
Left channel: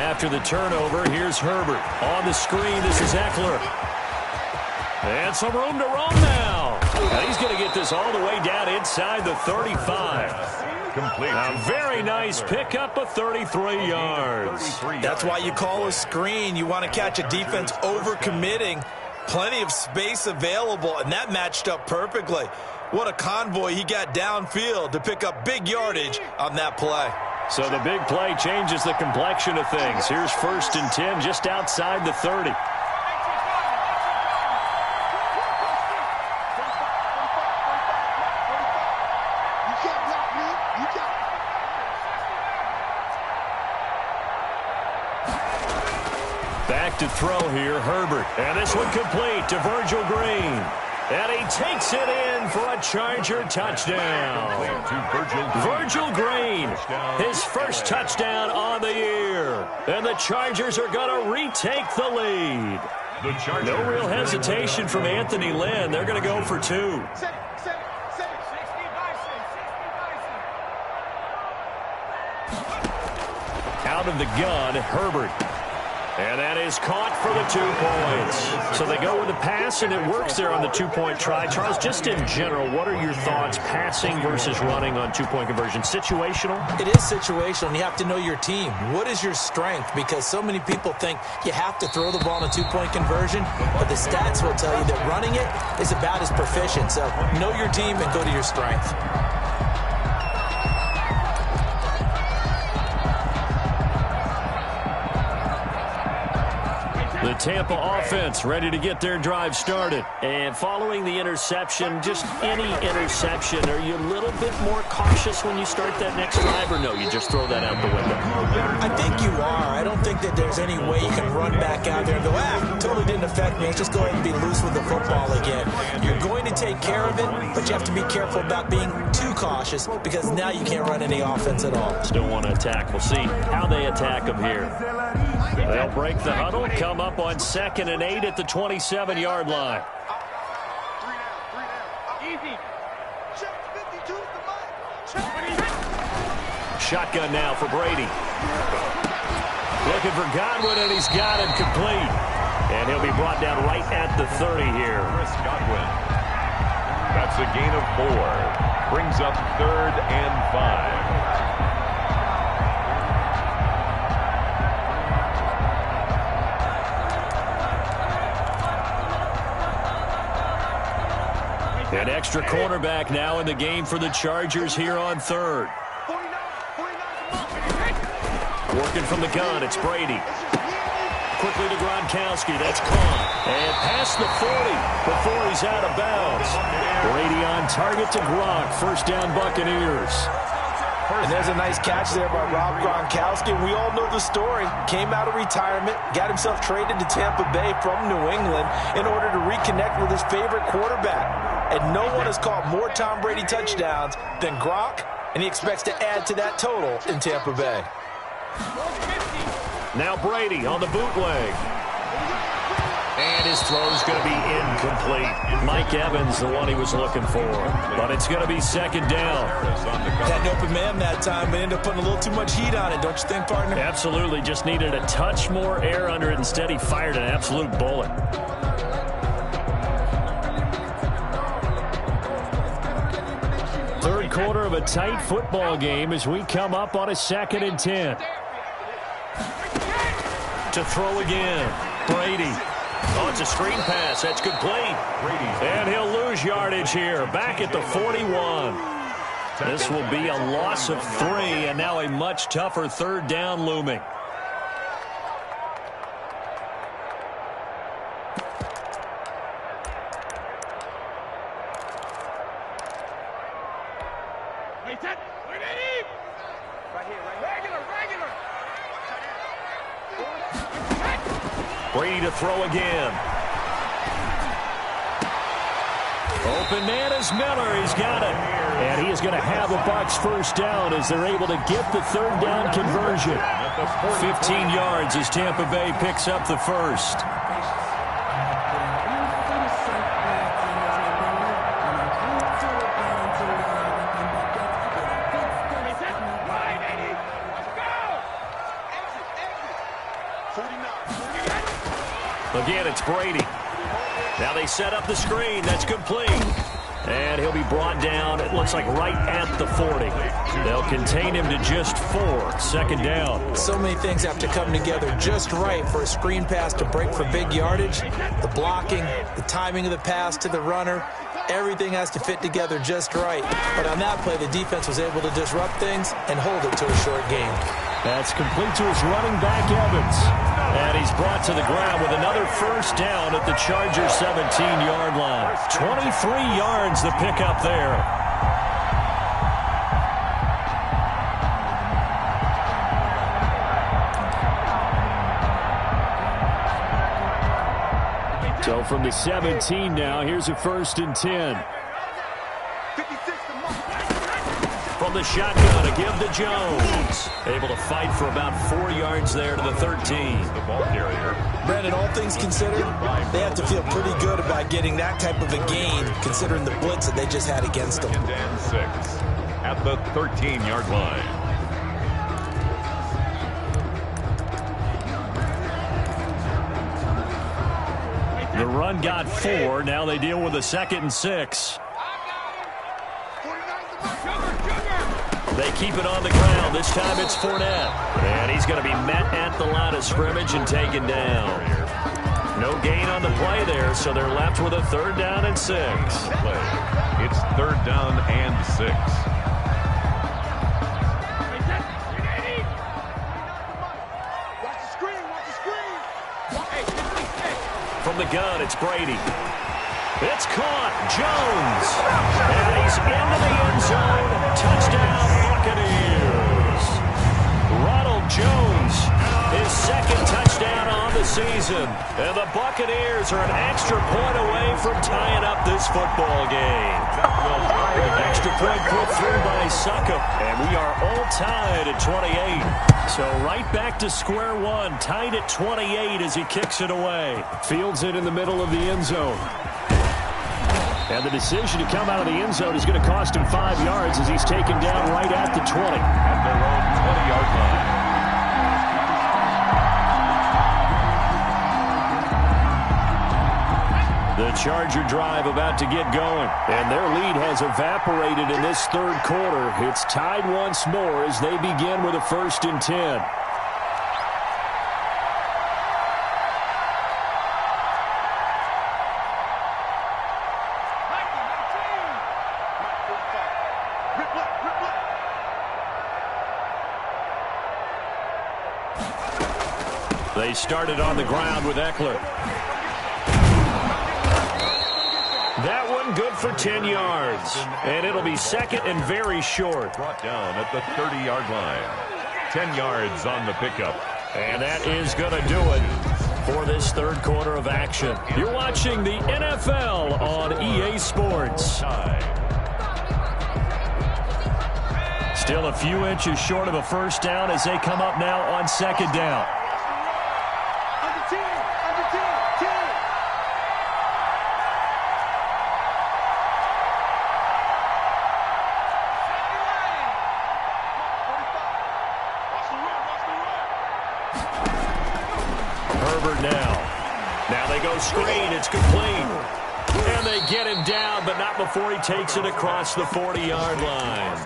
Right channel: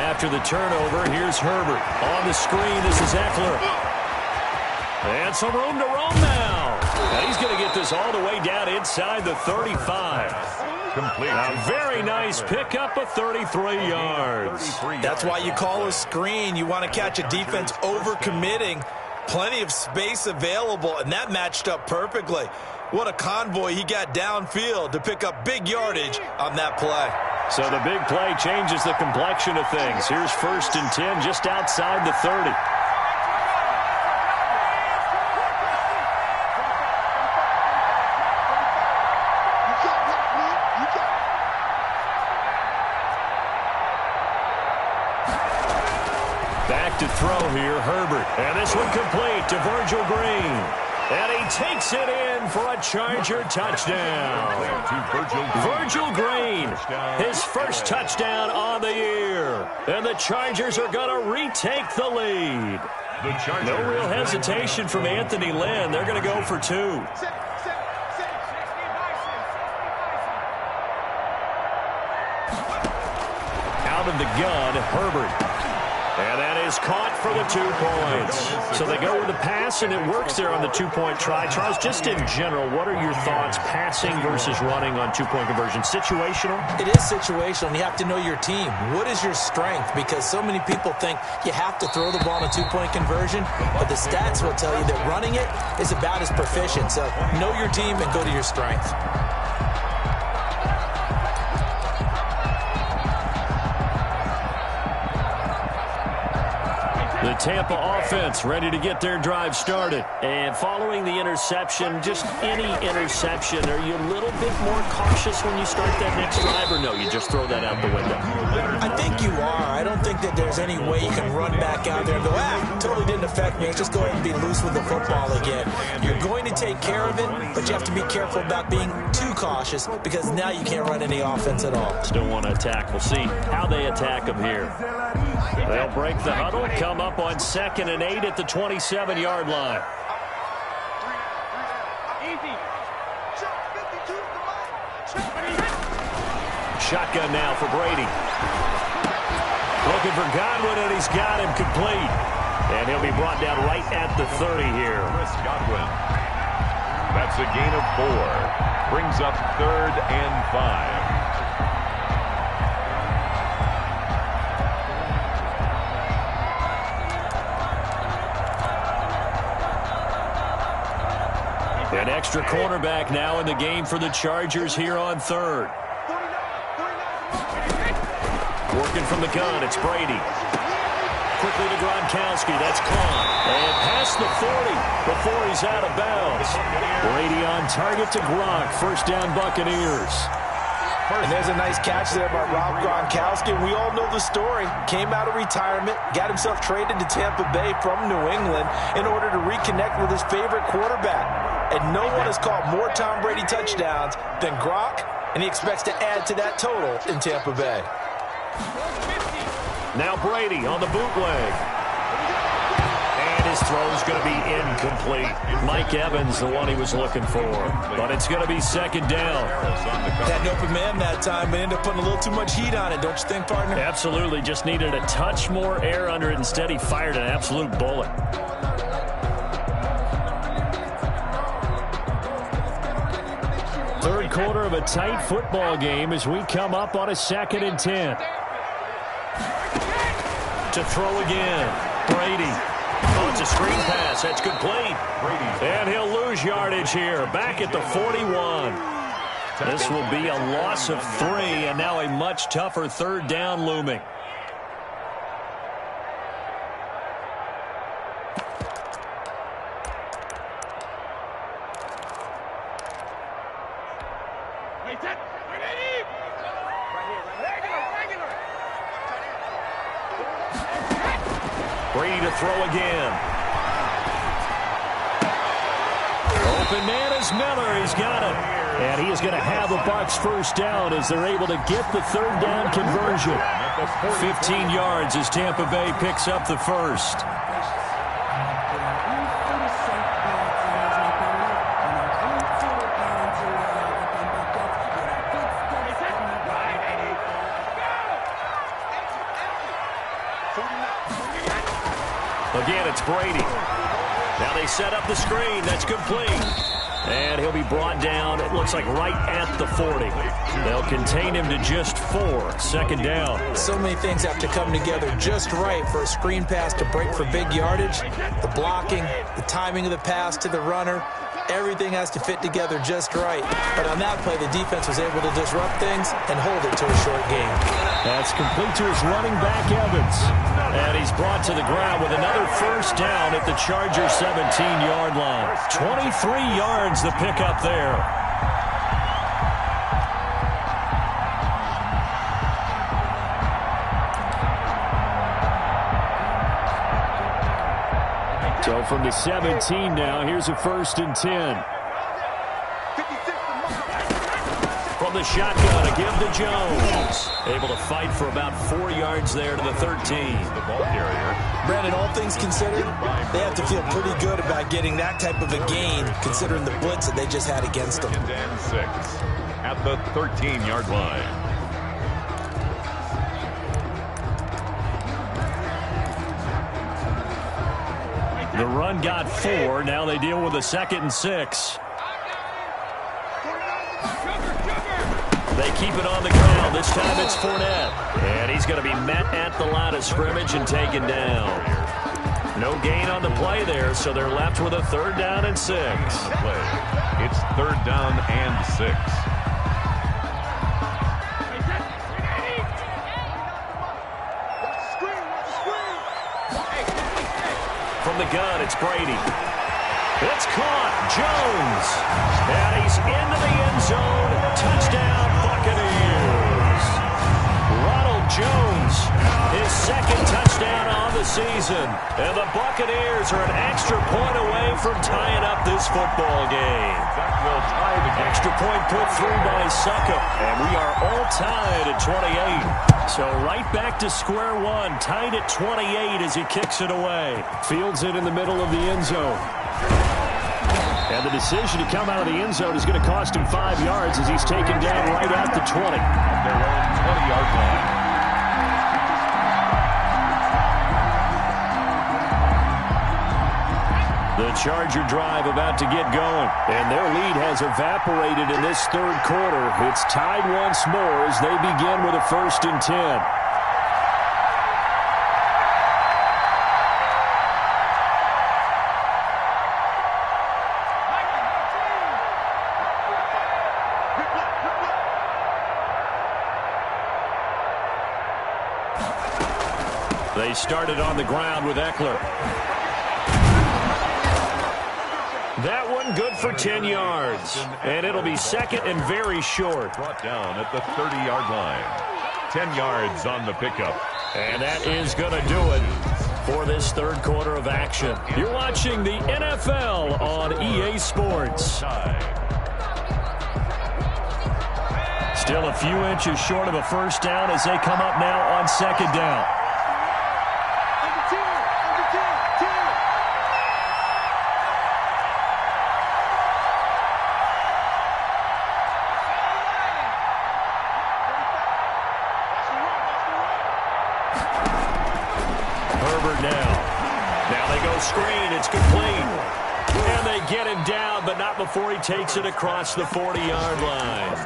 After the turnover, here's Herbert. On the screen, this is Eckler. And some room to roam now. And he's going to get this all the way down inside the 35. Complete. A very nice pickup of 33 yards. That's why you call a screen. You want to catch a defense overcommitting. Plenty of space available, and that matched up perfectly. What a convoy he got downfield to pick up big yardage on that play. So the big play changes the complexion of things. Here's 1st and 10 just outside the 30. Back to throw here, Herbert. And this one complete to Virgil Green. And he takes it in for a Charger touchdown. Virgil Green, his first touchdown on the year. And the Chargers are going to retake the lead. No real hesitation from Anthony Lynn. They're going to go for 2. Out of the gun, Herbert. And that is caught for the 2 points. So they go with the pass, and it works there on the 2-point try. Charles, just in general, what are your thoughts passing versus running on 2-point conversion? Situational? It is situational, and you have to know your team. What is your strength? Because so many people think you have to throw the ball in a 2-point conversion, but the stats will tell you that running it is about as proficient. So know your team and go to your strength. The Tampa offense ready to get their drive started. And following the interception, just any interception, are you a little bit more cautious when you start that next drive, or no, you just throw that out the window? I think you are. I don't think that there's any way you can run back out there and go, totally didn't affect me. Let's just go ahead and be loose with the football again. You're going to take care of it, but you have to be careful about being too cautious because now you can't run any offense at all. Still want to attack. We'll see how they attack them here. They'll break the huddle, come up on 2nd and 8 at the 27-yard line. Shotgun now for Brady. Looking for Godwin, and he's got him complete. And he'll be brought down right at the 30 here. Chris Godwin. That's a gain of 4. Brings up 3rd and 5. An extra cornerback now in the game for the Chargers here on 3rd. Working from the gun, it's Brady. Quickly to Gronkowski, that's caught. And past the 40 before he's out of bounds. Brady on target to Gronk, 1st down Buccaneers. And there's a nice catch there by Rob Gronkowski. We all know the story. Came out of retirement, got himself traded to Tampa Bay from New England in order to reconnect with his favorite quarterback. And no one has caught more Tom Brady touchdowns than Gronk, and he expects to add to that total in Tampa Bay. Now Brady on the bootleg. And his throw's going to be incomplete. Mike Evans, the one he was looking for. But it's going to be 2nd down. Had an open man that time, but ended up putting a little too much heat on it, don't you think, partner? Absolutely. Just needed a touch more air under it. Instead, he fired an absolute bullet. Third quarter of a tight football game as we come up on a 2nd and 10. To throw again. Brady. Oh, it's a screen pass. That's complete. And he'll lose yardage here. Back at the 41. This will be a loss of 3, and now a much tougher 3rd down looming. Brady to throw again. Open man is Miller. He's got it. And he is going to have the Bucs 1st down as they're able to get the 3rd down conversion. 15 yards as Tampa Bay picks up the 1st. Again, it's Brady. Now they set up the screen. That's complete. And he'll be brought down, it looks like, right at the 40. They'll contain him to just 4. Second down. So many things have to come together just right for a screen pass to break for big yardage. The blocking, the timing of the pass to the runner, everything has to fit together just right. But on that play, the defense was able to disrupt things and hold it to a short game. That's complete to his running back, Evans. And he's brought to the ground with another first down at the Chargers' 17-yard line. 23 yards the pickup there. So from the 17 now, here's a 1st and 10. From the shotgun, a give to Jones. Able to fight for about 4 yards there to the 13. The ball carrier. Brandon, all things considered, they have to feel pretty good about getting that type of a gain, considering the blitz that they just had against them. 2nd and 6 at the 13-yard line. The run got 4. Now they deal with a 2nd and 6. They keep it on the ground. This time it's Fournette. And he's going to be met at the line of scrimmage and taken down. No gain on the play there, so they're left with a 3rd down and 6. It's 3rd down and 6. From the gun, it's Brady. It's caught. Jones. And he's into the end zone. Touchdown, Buccaneers. Ronald Jones, his 2nd touchdown on the season. And the Buccaneers are an extra point away from tying up this football game. Extra point put through by Succop. And we are all tied at 28. So right back to square one, tied at 28 as he kicks it away. Fields it in the middle of the end zone. And the decision to come out of the end zone is going to cost him 5 yards as he's taken down right at the 20. At their own 20-yard line. The Charger drive about to get going. And their lead has evaporated in this 3rd quarter. It's tied once more as they begin with a 1st and 10. They started on the ground with Eckler. That one good for 10 yards. And it'll be 2nd and very short. Brought down at the 30-yard line. 10 yards on the pickup. And that is going to do it for this 3rd quarter of action. You're watching the NFL on EA Sports. Still a few inches short of a 1st down as they come up now on 2nd down. Herbert now they go screen. It's complete. And they get him down, but not before he takes it across the 40-yard line.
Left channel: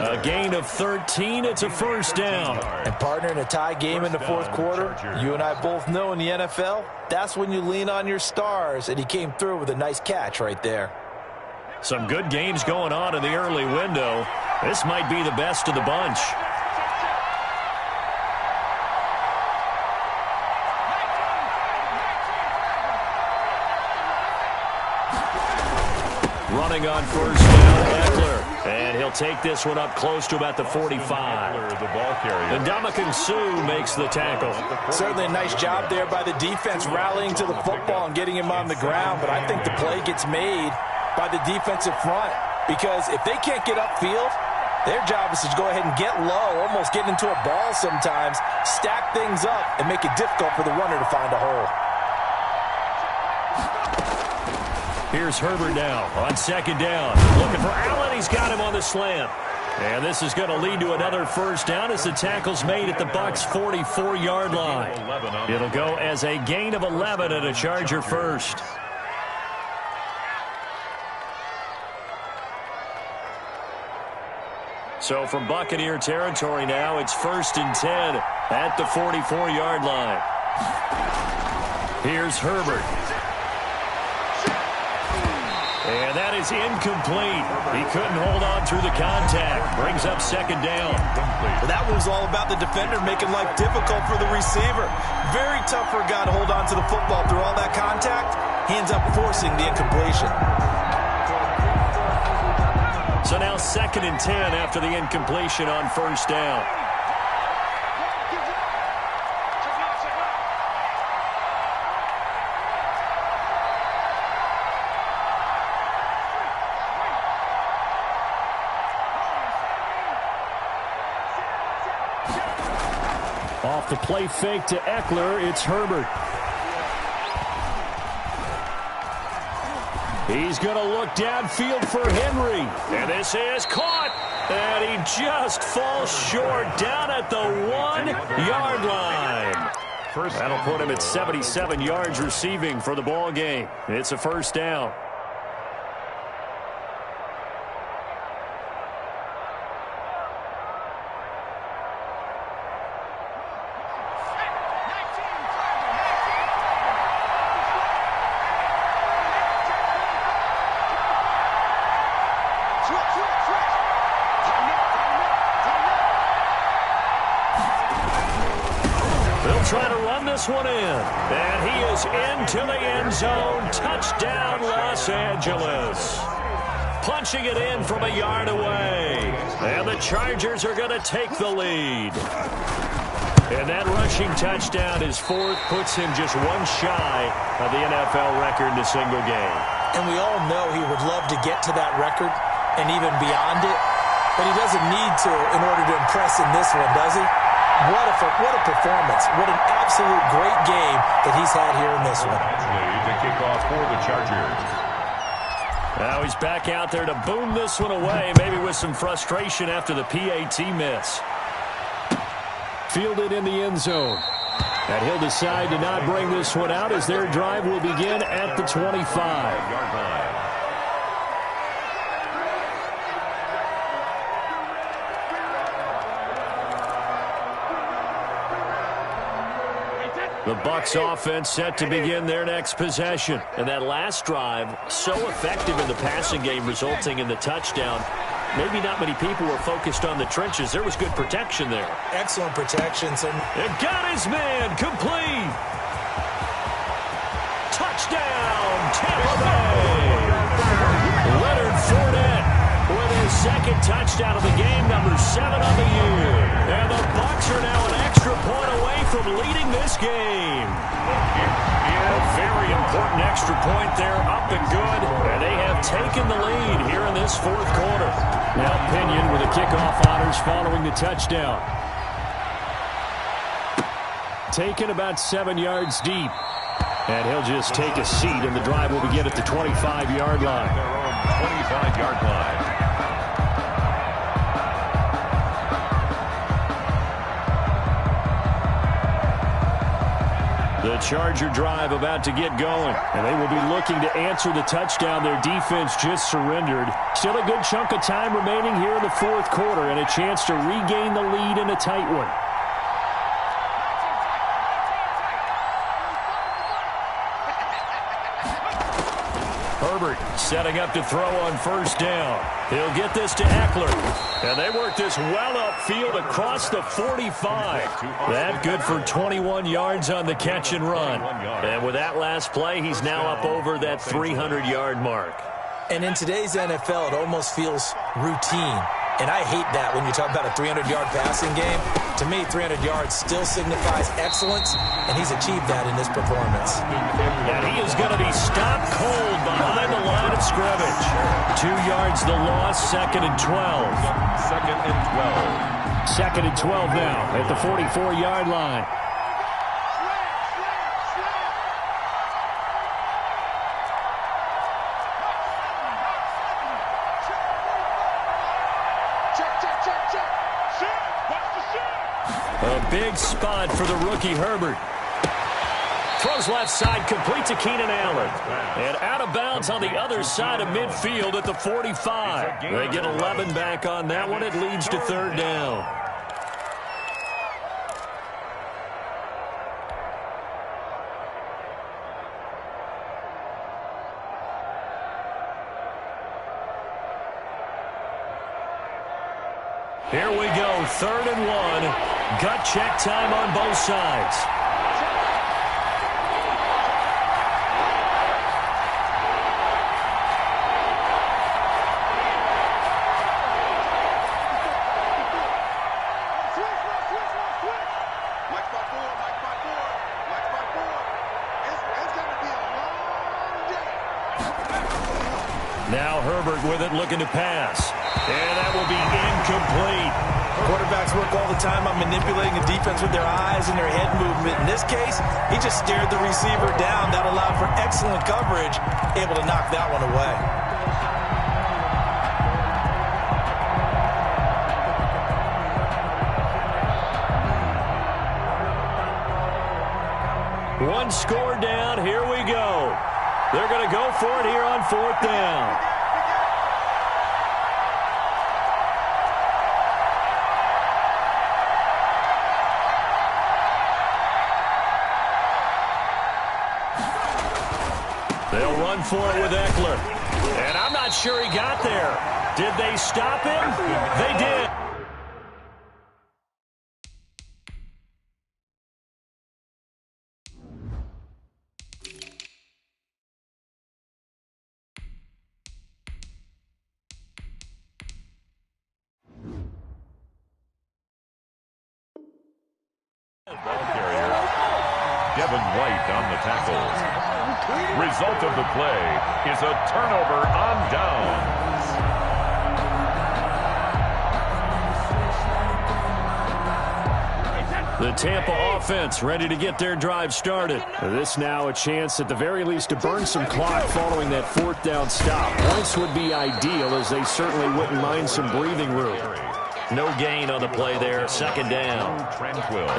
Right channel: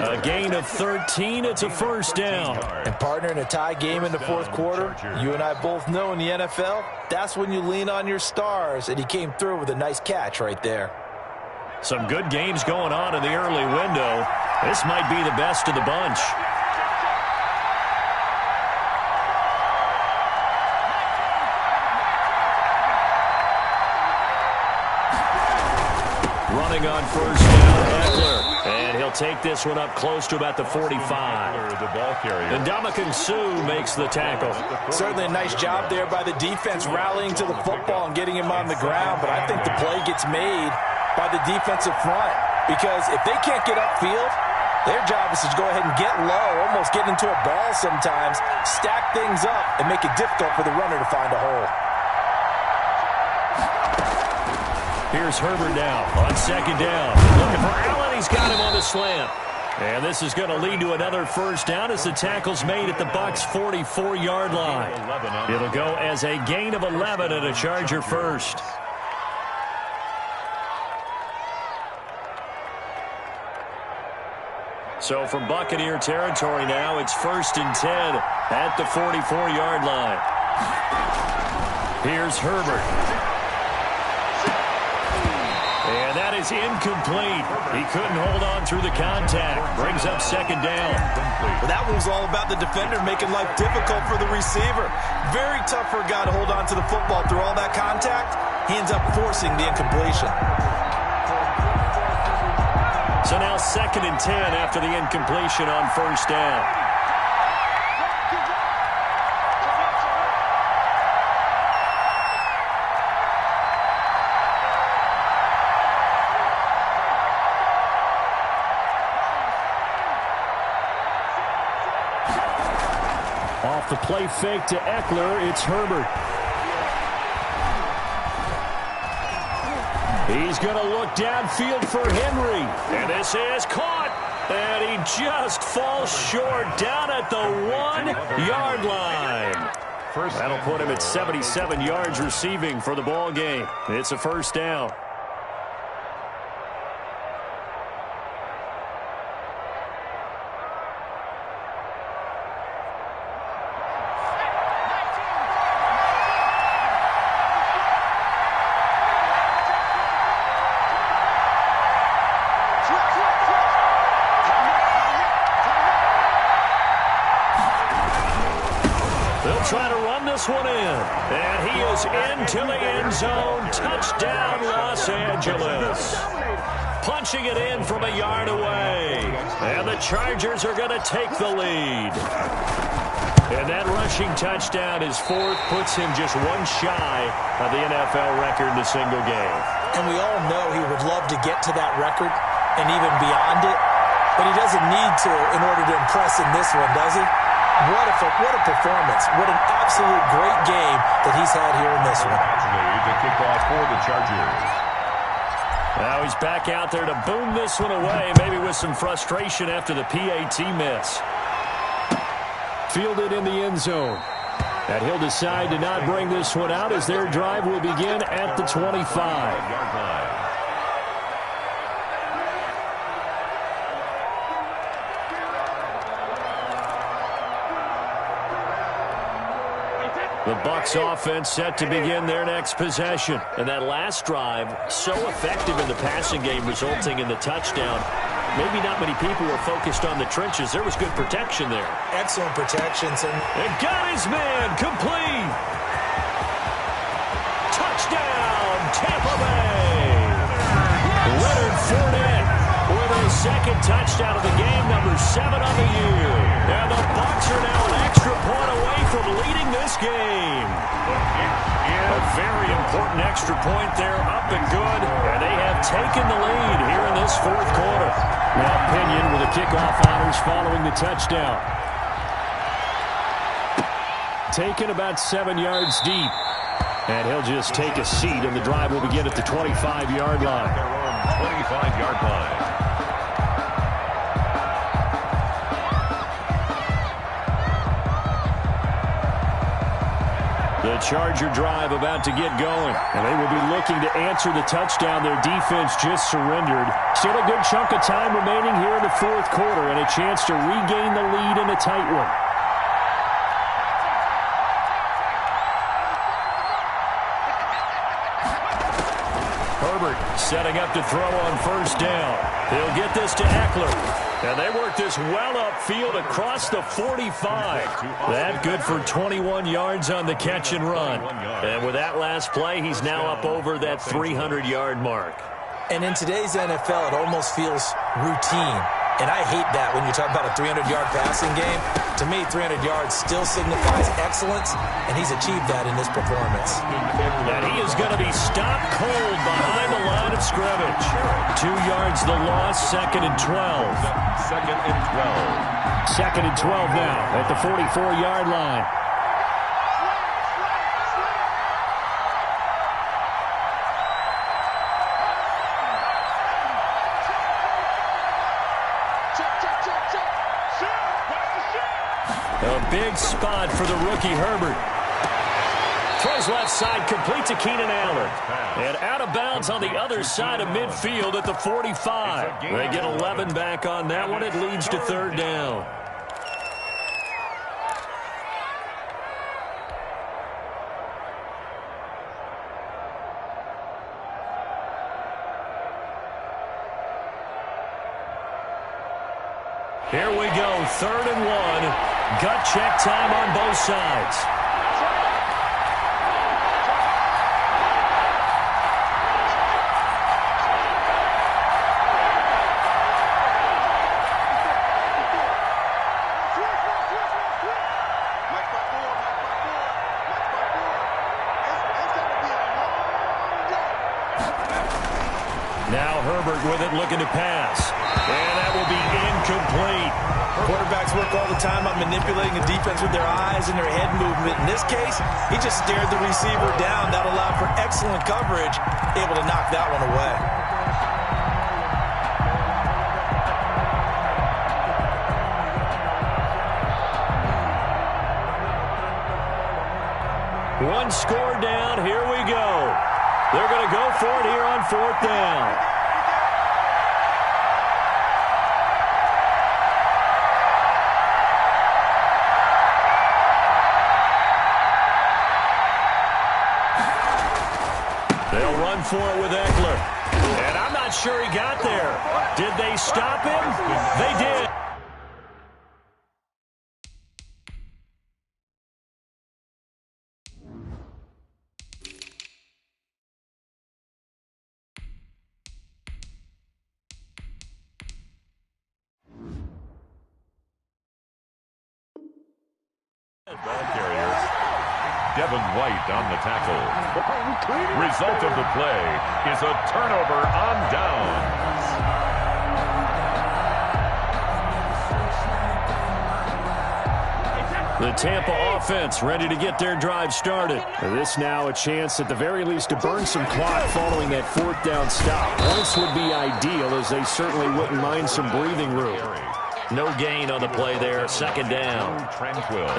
A gain of 13. It's a 1st down. And partner, in a tie game in the 4th quarter, you and I both know in the NFL, that's when you lean on your stars, and he came through with a nice catch right there. Some good games going on in the early window. This might be the best of the bunch. Running on 1st down, Eckler. And he'll take this one up close to about the 45. The ball carrier. And Ndamukong Suh makes the tackle. Certainly a nice job there by the defense rallying to the football and getting him on the ground. But I think the play gets made by the defensive front. Because if they can't get upfield, their job is to go ahead and get low, almost get into a ball sometimes, stack things up, and make it difficult for the runner to find a hole. Here's Herbert now on 2nd down. Looking for Allen. He's got him on the slant. And this is going to lead to another first down as the tackle's made at the Bucs' 44-yard line. It'll go as a gain of 11 and a Charger first. So from Buccaneer territory now, it's 1st and 10 at the 44-yard line. Here's Herbert. And that is incomplete. He couldn't hold on through the contact. Brings up 2nd down. Well, that one was all about the defender making life difficult for the receiver. Very tough for a guy to hold on to the football through all that contact. He ends up forcing the incompletion. So now 2nd and 10 after the incompletion on 1st down. Off the play fake to Eckler, it's Herbert. He's going to look downfield for Henry. And this is caught. And he just falls short down at the 1-yard line. That'll put him at 77 yards receiving for the ball game. It's a first down. They'll try to run this one in. And he is into the end zone. Touchdown, Los Angeles. Punching it in from a yard away. And the Chargers are going to take the lead. And that rushing touchdown is 4th, puts him just one shy of the NFL record in a single game. And we all know he would love to get to that record and even beyond it. But he doesn't need to in order to impress in this one, does he? What a performance. What an absolute great game that he's had here in this one. To kick off for the Chargers. Now he's back out there to boom this one away, maybe with some frustration after the PAT miss. Fielded in the end zone. And he'll decide to not bring this one out as their drive will begin at the 25-yard line. The Bucs offense set to begin their next possession. And that last drive, so effective in the passing game, resulting in the touchdown. Maybe not many people were focused on the trenches. There was good protection there. Excellent protections. And got his man complete. Touchdown, Tampa Bay. Leonard Fournette with his 2nd touchdown of the game, number 7 on the year. And the Bucs are now an extra point away from leading this game. A very important extra point there, up and good. And they have taken the lead here in this 4th quarter. Now Pinion with the kickoff honors following the touchdown. Taken about 7 yards deep. And he'll just take a seat, and the drive will begin at the 25-yard line. Their own 25-yard line. The Charger drive about to get going, and they will be looking to answer the touchdown their defense just surrendered. Still a good chunk of time remaining here in the 4th quarter, and a chance to regain the lead in a tight one. Herbert setting up to throw on 1st down. He'll get this to Eckler. And they work this well upfield across the 45. That good for 21 yards on the catch and run. And with that last play, he's now up over that 300-yard mark. And in today's NFL, it almost feels routine. And I hate that when you talk about a 300-yard passing game. To me, 300 yards still signifies excellence, and he's achieved that in this performance. And he is going to be stopped cold behind the line of scrimmage. 2 yards the loss, 2nd and 12. 2nd and 12. 2nd and 12 now at the 44-yard line. A big spot for the rookie Herbert. Throws left side, complete to Keenan Allen. And out of bounds on the other side of midfield at the 45. They get 11 back on that one. It leads to third down. Here we go, 3rd and 1. Gut check time on both sides. Now Herbert with it, looking to pass. And that will be incomplete. Quarterbacks work all the time on manipulating the defense with their eyes and their head movement. In this case, he just stared the receiver down. That allowed for excellent coverage, able to knock that one away. One score down. Here we go. They're going to go for it here on 4th down. They'll run for it with Eckler. And I'm not sure he got there. Did they stop him? They did. Ball carrier, Devin White on the tackle. Result of the play is a turnover on downs. The Tampa offense ready to get their drive started. This now a chance at the very least to burn some clock following that 4th down stop. Points would be ideal, as they certainly wouldn't mind some breathing room. No gain on the play there, 2nd down.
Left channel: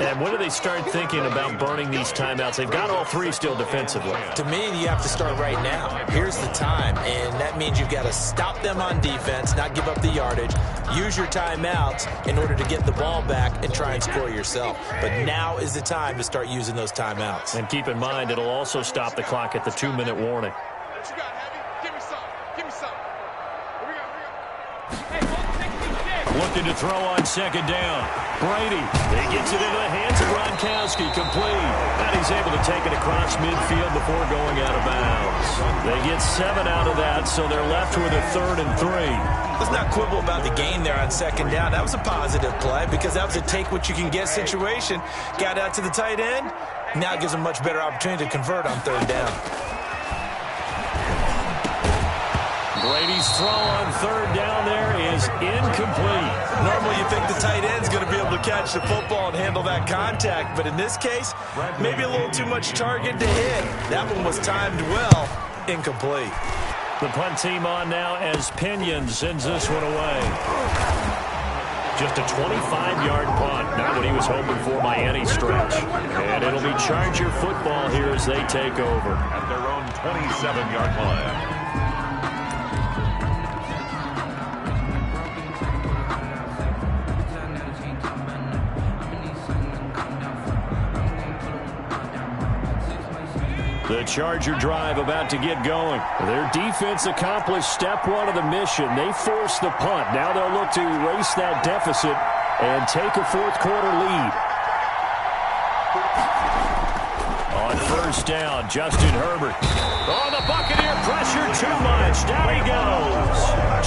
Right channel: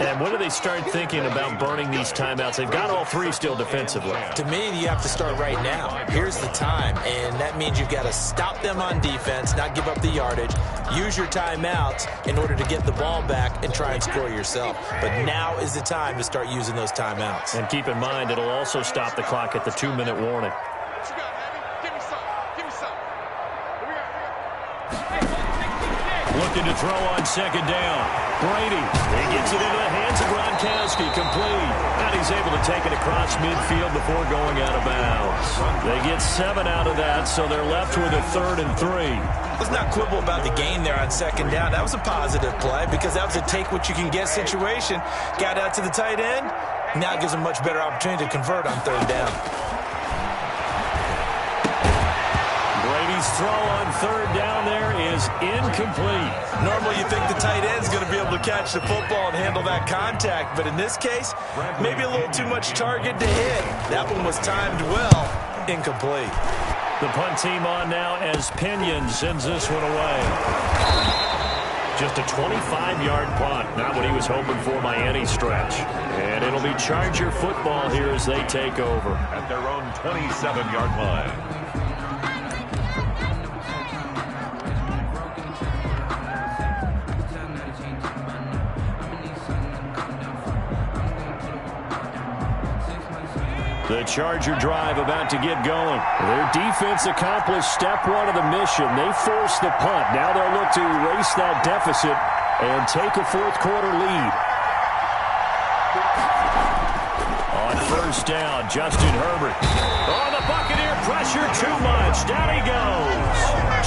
And when do they start thinking about burning these timeouts? They've got all 3 still defensively. To me, you have to start right now. Here's the time, and that means you've got to stop them on defense, not give up the yardage, use your timeouts in order to get the ball back and try and score yourself. But now is the time to start using those timeouts. And keep in mind, it'll also stop the clock at the 2-minute warning. What you got, Heavy? Give me some. Give me some. What we got? Looking to throw on 2nd down. Brady, he gets it into the hands of Gronkowski, complete. And he's able to take it across midfield before going out of bounds. They get 7 out of that, so they're left with a 3rd and 3. Let's not quibble about the gain there on 2nd down. That was a positive play because that was a take-what-you-can-get situation. Got out to the tight end. Now it gives them a much better opportunity to convert on 3rd down. Brady's throw on 3rd down there is incomplete. Normally you think the tight end's going to be able to catch the football and handle that contact, but in this case, maybe a little too much target to hit. That one was timed well. Incomplete. The punt team on now as Pinion sends this one away. Just a 25-yard punt, not what he was hoping for by any stretch. And it'll be Charger football here as they take over. At their own 27-yard line. The Charger drive about to get going. Their defense accomplished step 1 of the mission. They forced the punt. Now they'll look to erase that deficit and take a 4th quarter lead. On 1st down, Justin Herbert. Oh, the Buccaneer pressure too much. Down he goes.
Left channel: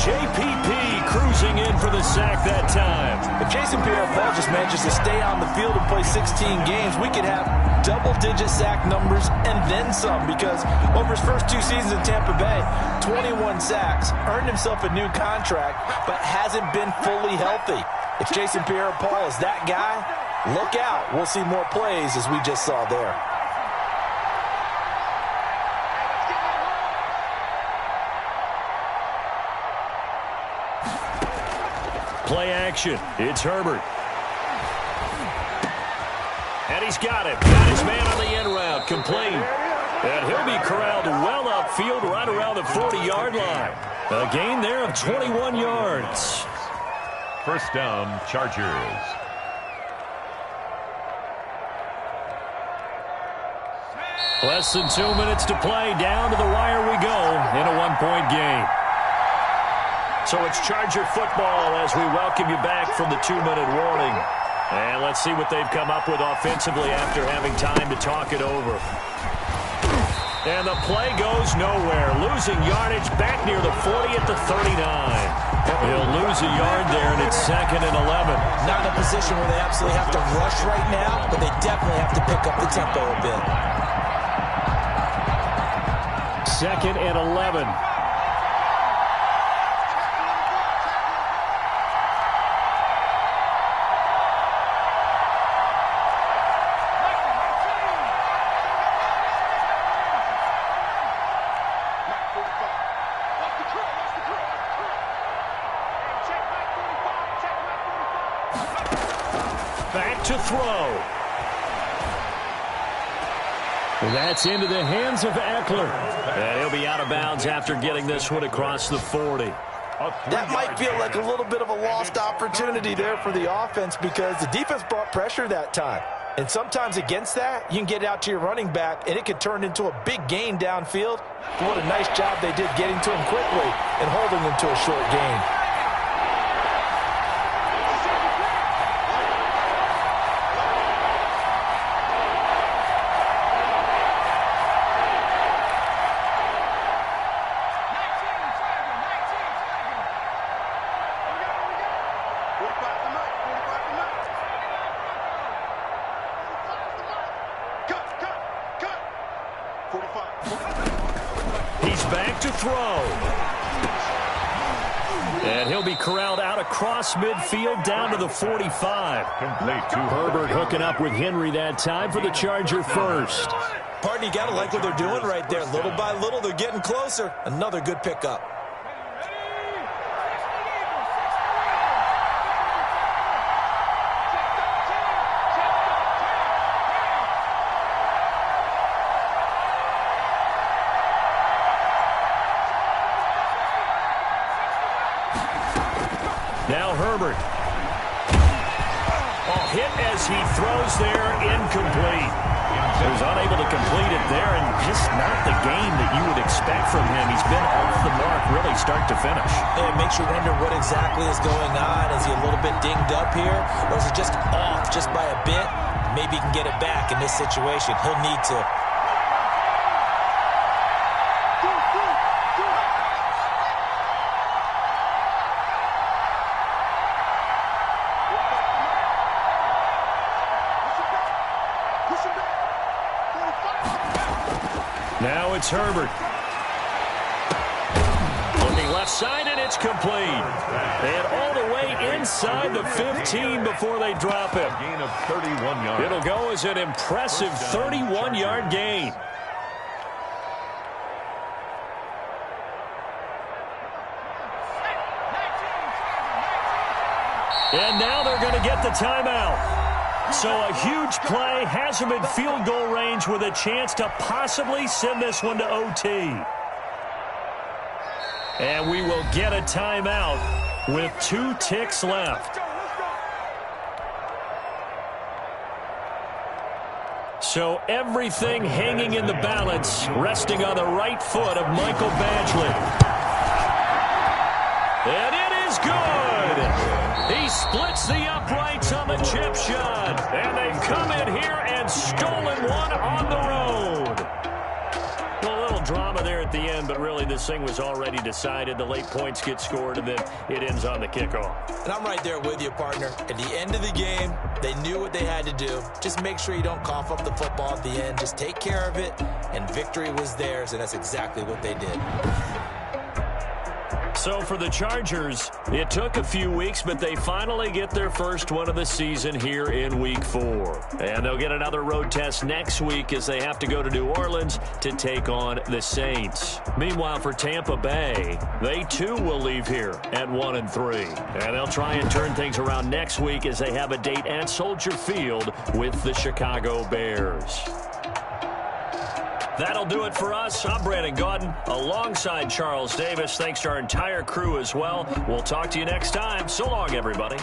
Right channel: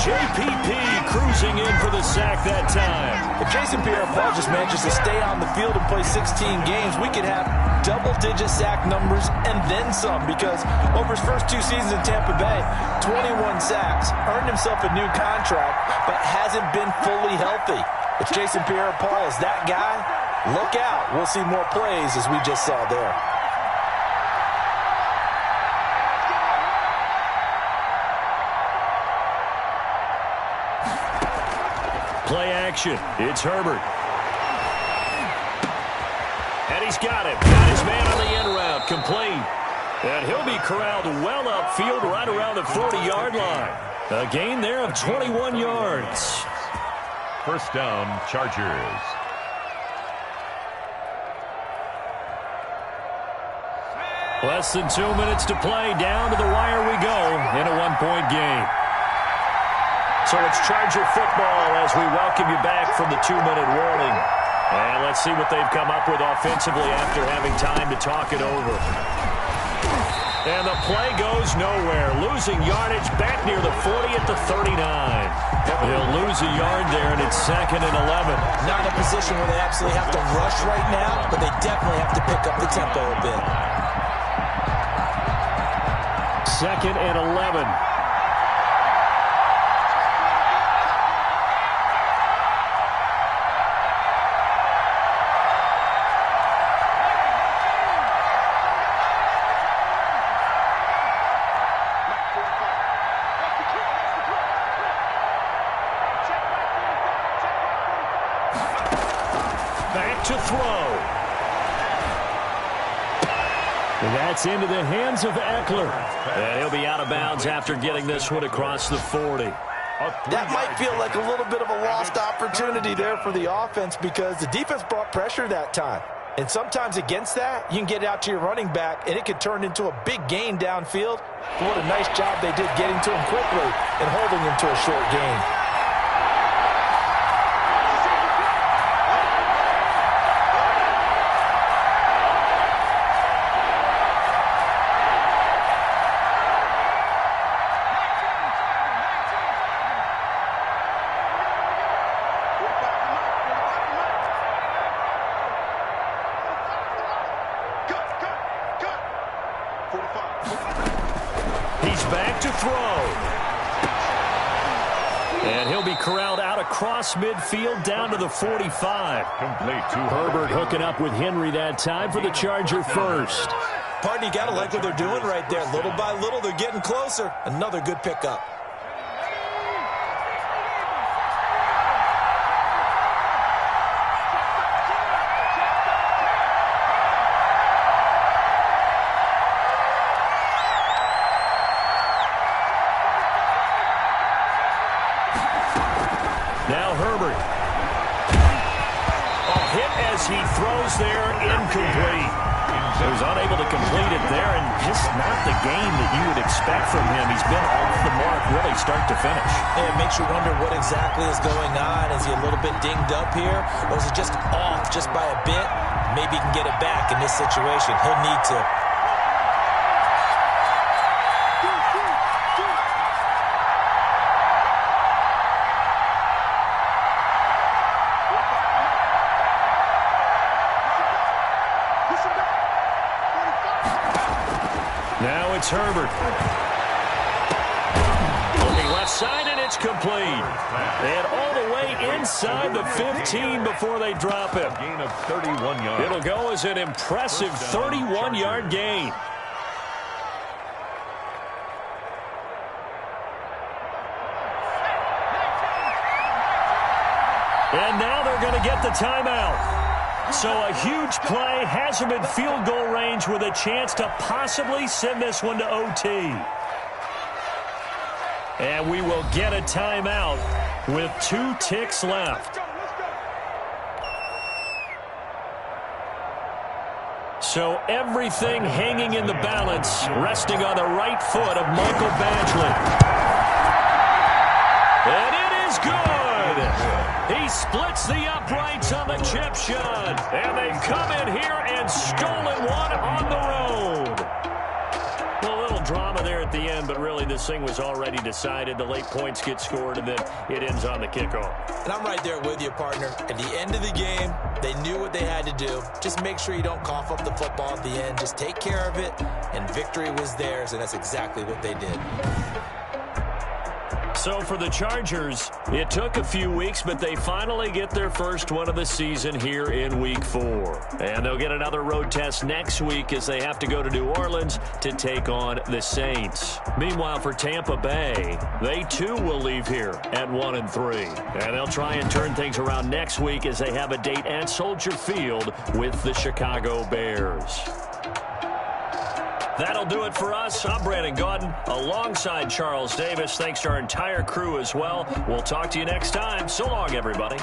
JPP cruising in for the sack that time. If Jason Pierre-Paul just manages to stay on the field and play 16 games, we could have double-digit sack numbers and then some, because over his first 2 seasons in Tampa Bay, 21 sacks, earned himself a new contract, but hasn't been fully healthy. If Jason Pierre-Paul is that guy, look out. We'll see more plays as we just saw there. Play action. It's Herbert. And he's got him. Got his man on the end route. Complete. And he'll be corralled well upfield right around the 40-yard line. A gain there of 21 yards. First down, Chargers. Less than 2 minutes to play. Down to the wire we go in a one-point game. So it's Charger football as we welcome you back from the 2-minute warning. And let's see what they've come up with offensively after having time to talk it over. And the play goes nowhere. Losing yardage back near the 40 at the 39. He'll lose a yard there, and it's 2nd and 11. Not in a position where they absolutely have to rush right now, but they definitely have to pick up the tempo a bit. 2nd and 11. Back to throw. That's into the hands of Eckler. And he'll be out of bounds after getting this one across the 40. That might feel like a little bit of a lost opportunity there for the offense because the defense brought pressure that time. And sometimes against that, you can get out to your running back, and it could turn into a big gain downfield. But what a nice job they did getting to him quickly and holding him to a short gain. He's back to throw. And he'll be corralled out across midfield down to the 45. Complete to Herbert hooking up with Henry that time for the Charger first. Partner, you got to like what they're doing right there. Little by little, they're getting closer. Another good pickup. Now Herbert. Oh, hit as he throws there, incomplete. He was unable to complete it there, and just not the game that you would expect from him. He's been off the mark really start to finish. And it makes you wonder what exactly is going on. Is he a little bit dinged up here, or is he just off just by a bit? Maybe he can get it back in this situation. He'll need to. Now it's Herbert. Looking left side, and it's complete. And all the way inside the 15 before they drop him. Gain of 31 yards. It'll go as an impressive 31-yard gain. And now they're going to get the timeout. So a huge play has them in field goal range with a chance to possibly send this one to OT. And we will get a timeout with 2 ticks left. So everything hanging in the balance, resting on the right foot of Michael Badgley. And it is good. He splits the uprights on the chip shot. And they've come in here and stolen one on the road. A little drama there at the end, but really this thing was already decided. The late points get scored, and then it ends on the kickoff. And I'm right there with you, partner. At the end of the game, they knew what they had to do. Just make sure you don't cough up the football at the end. Just take care of it, and victory was theirs, and that's exactly what they did. So for the Chargers, it took a few weeks, but they finally get their first one of the season here in Week 4. And they'll get another road test next week as they have to go to New Orleans to take on the Saints. Meanwhile, for Tampa Bay, they too will leave here at 1-3. And they'll try and turn things around next week as they have a date at Soldier Field with the Chicago Bears. That'll do it for us. I'm Brandon Gaudin alongside Charles Davis. Thanks to our entire crew as well. We'll talk to you next time. So long, everybody.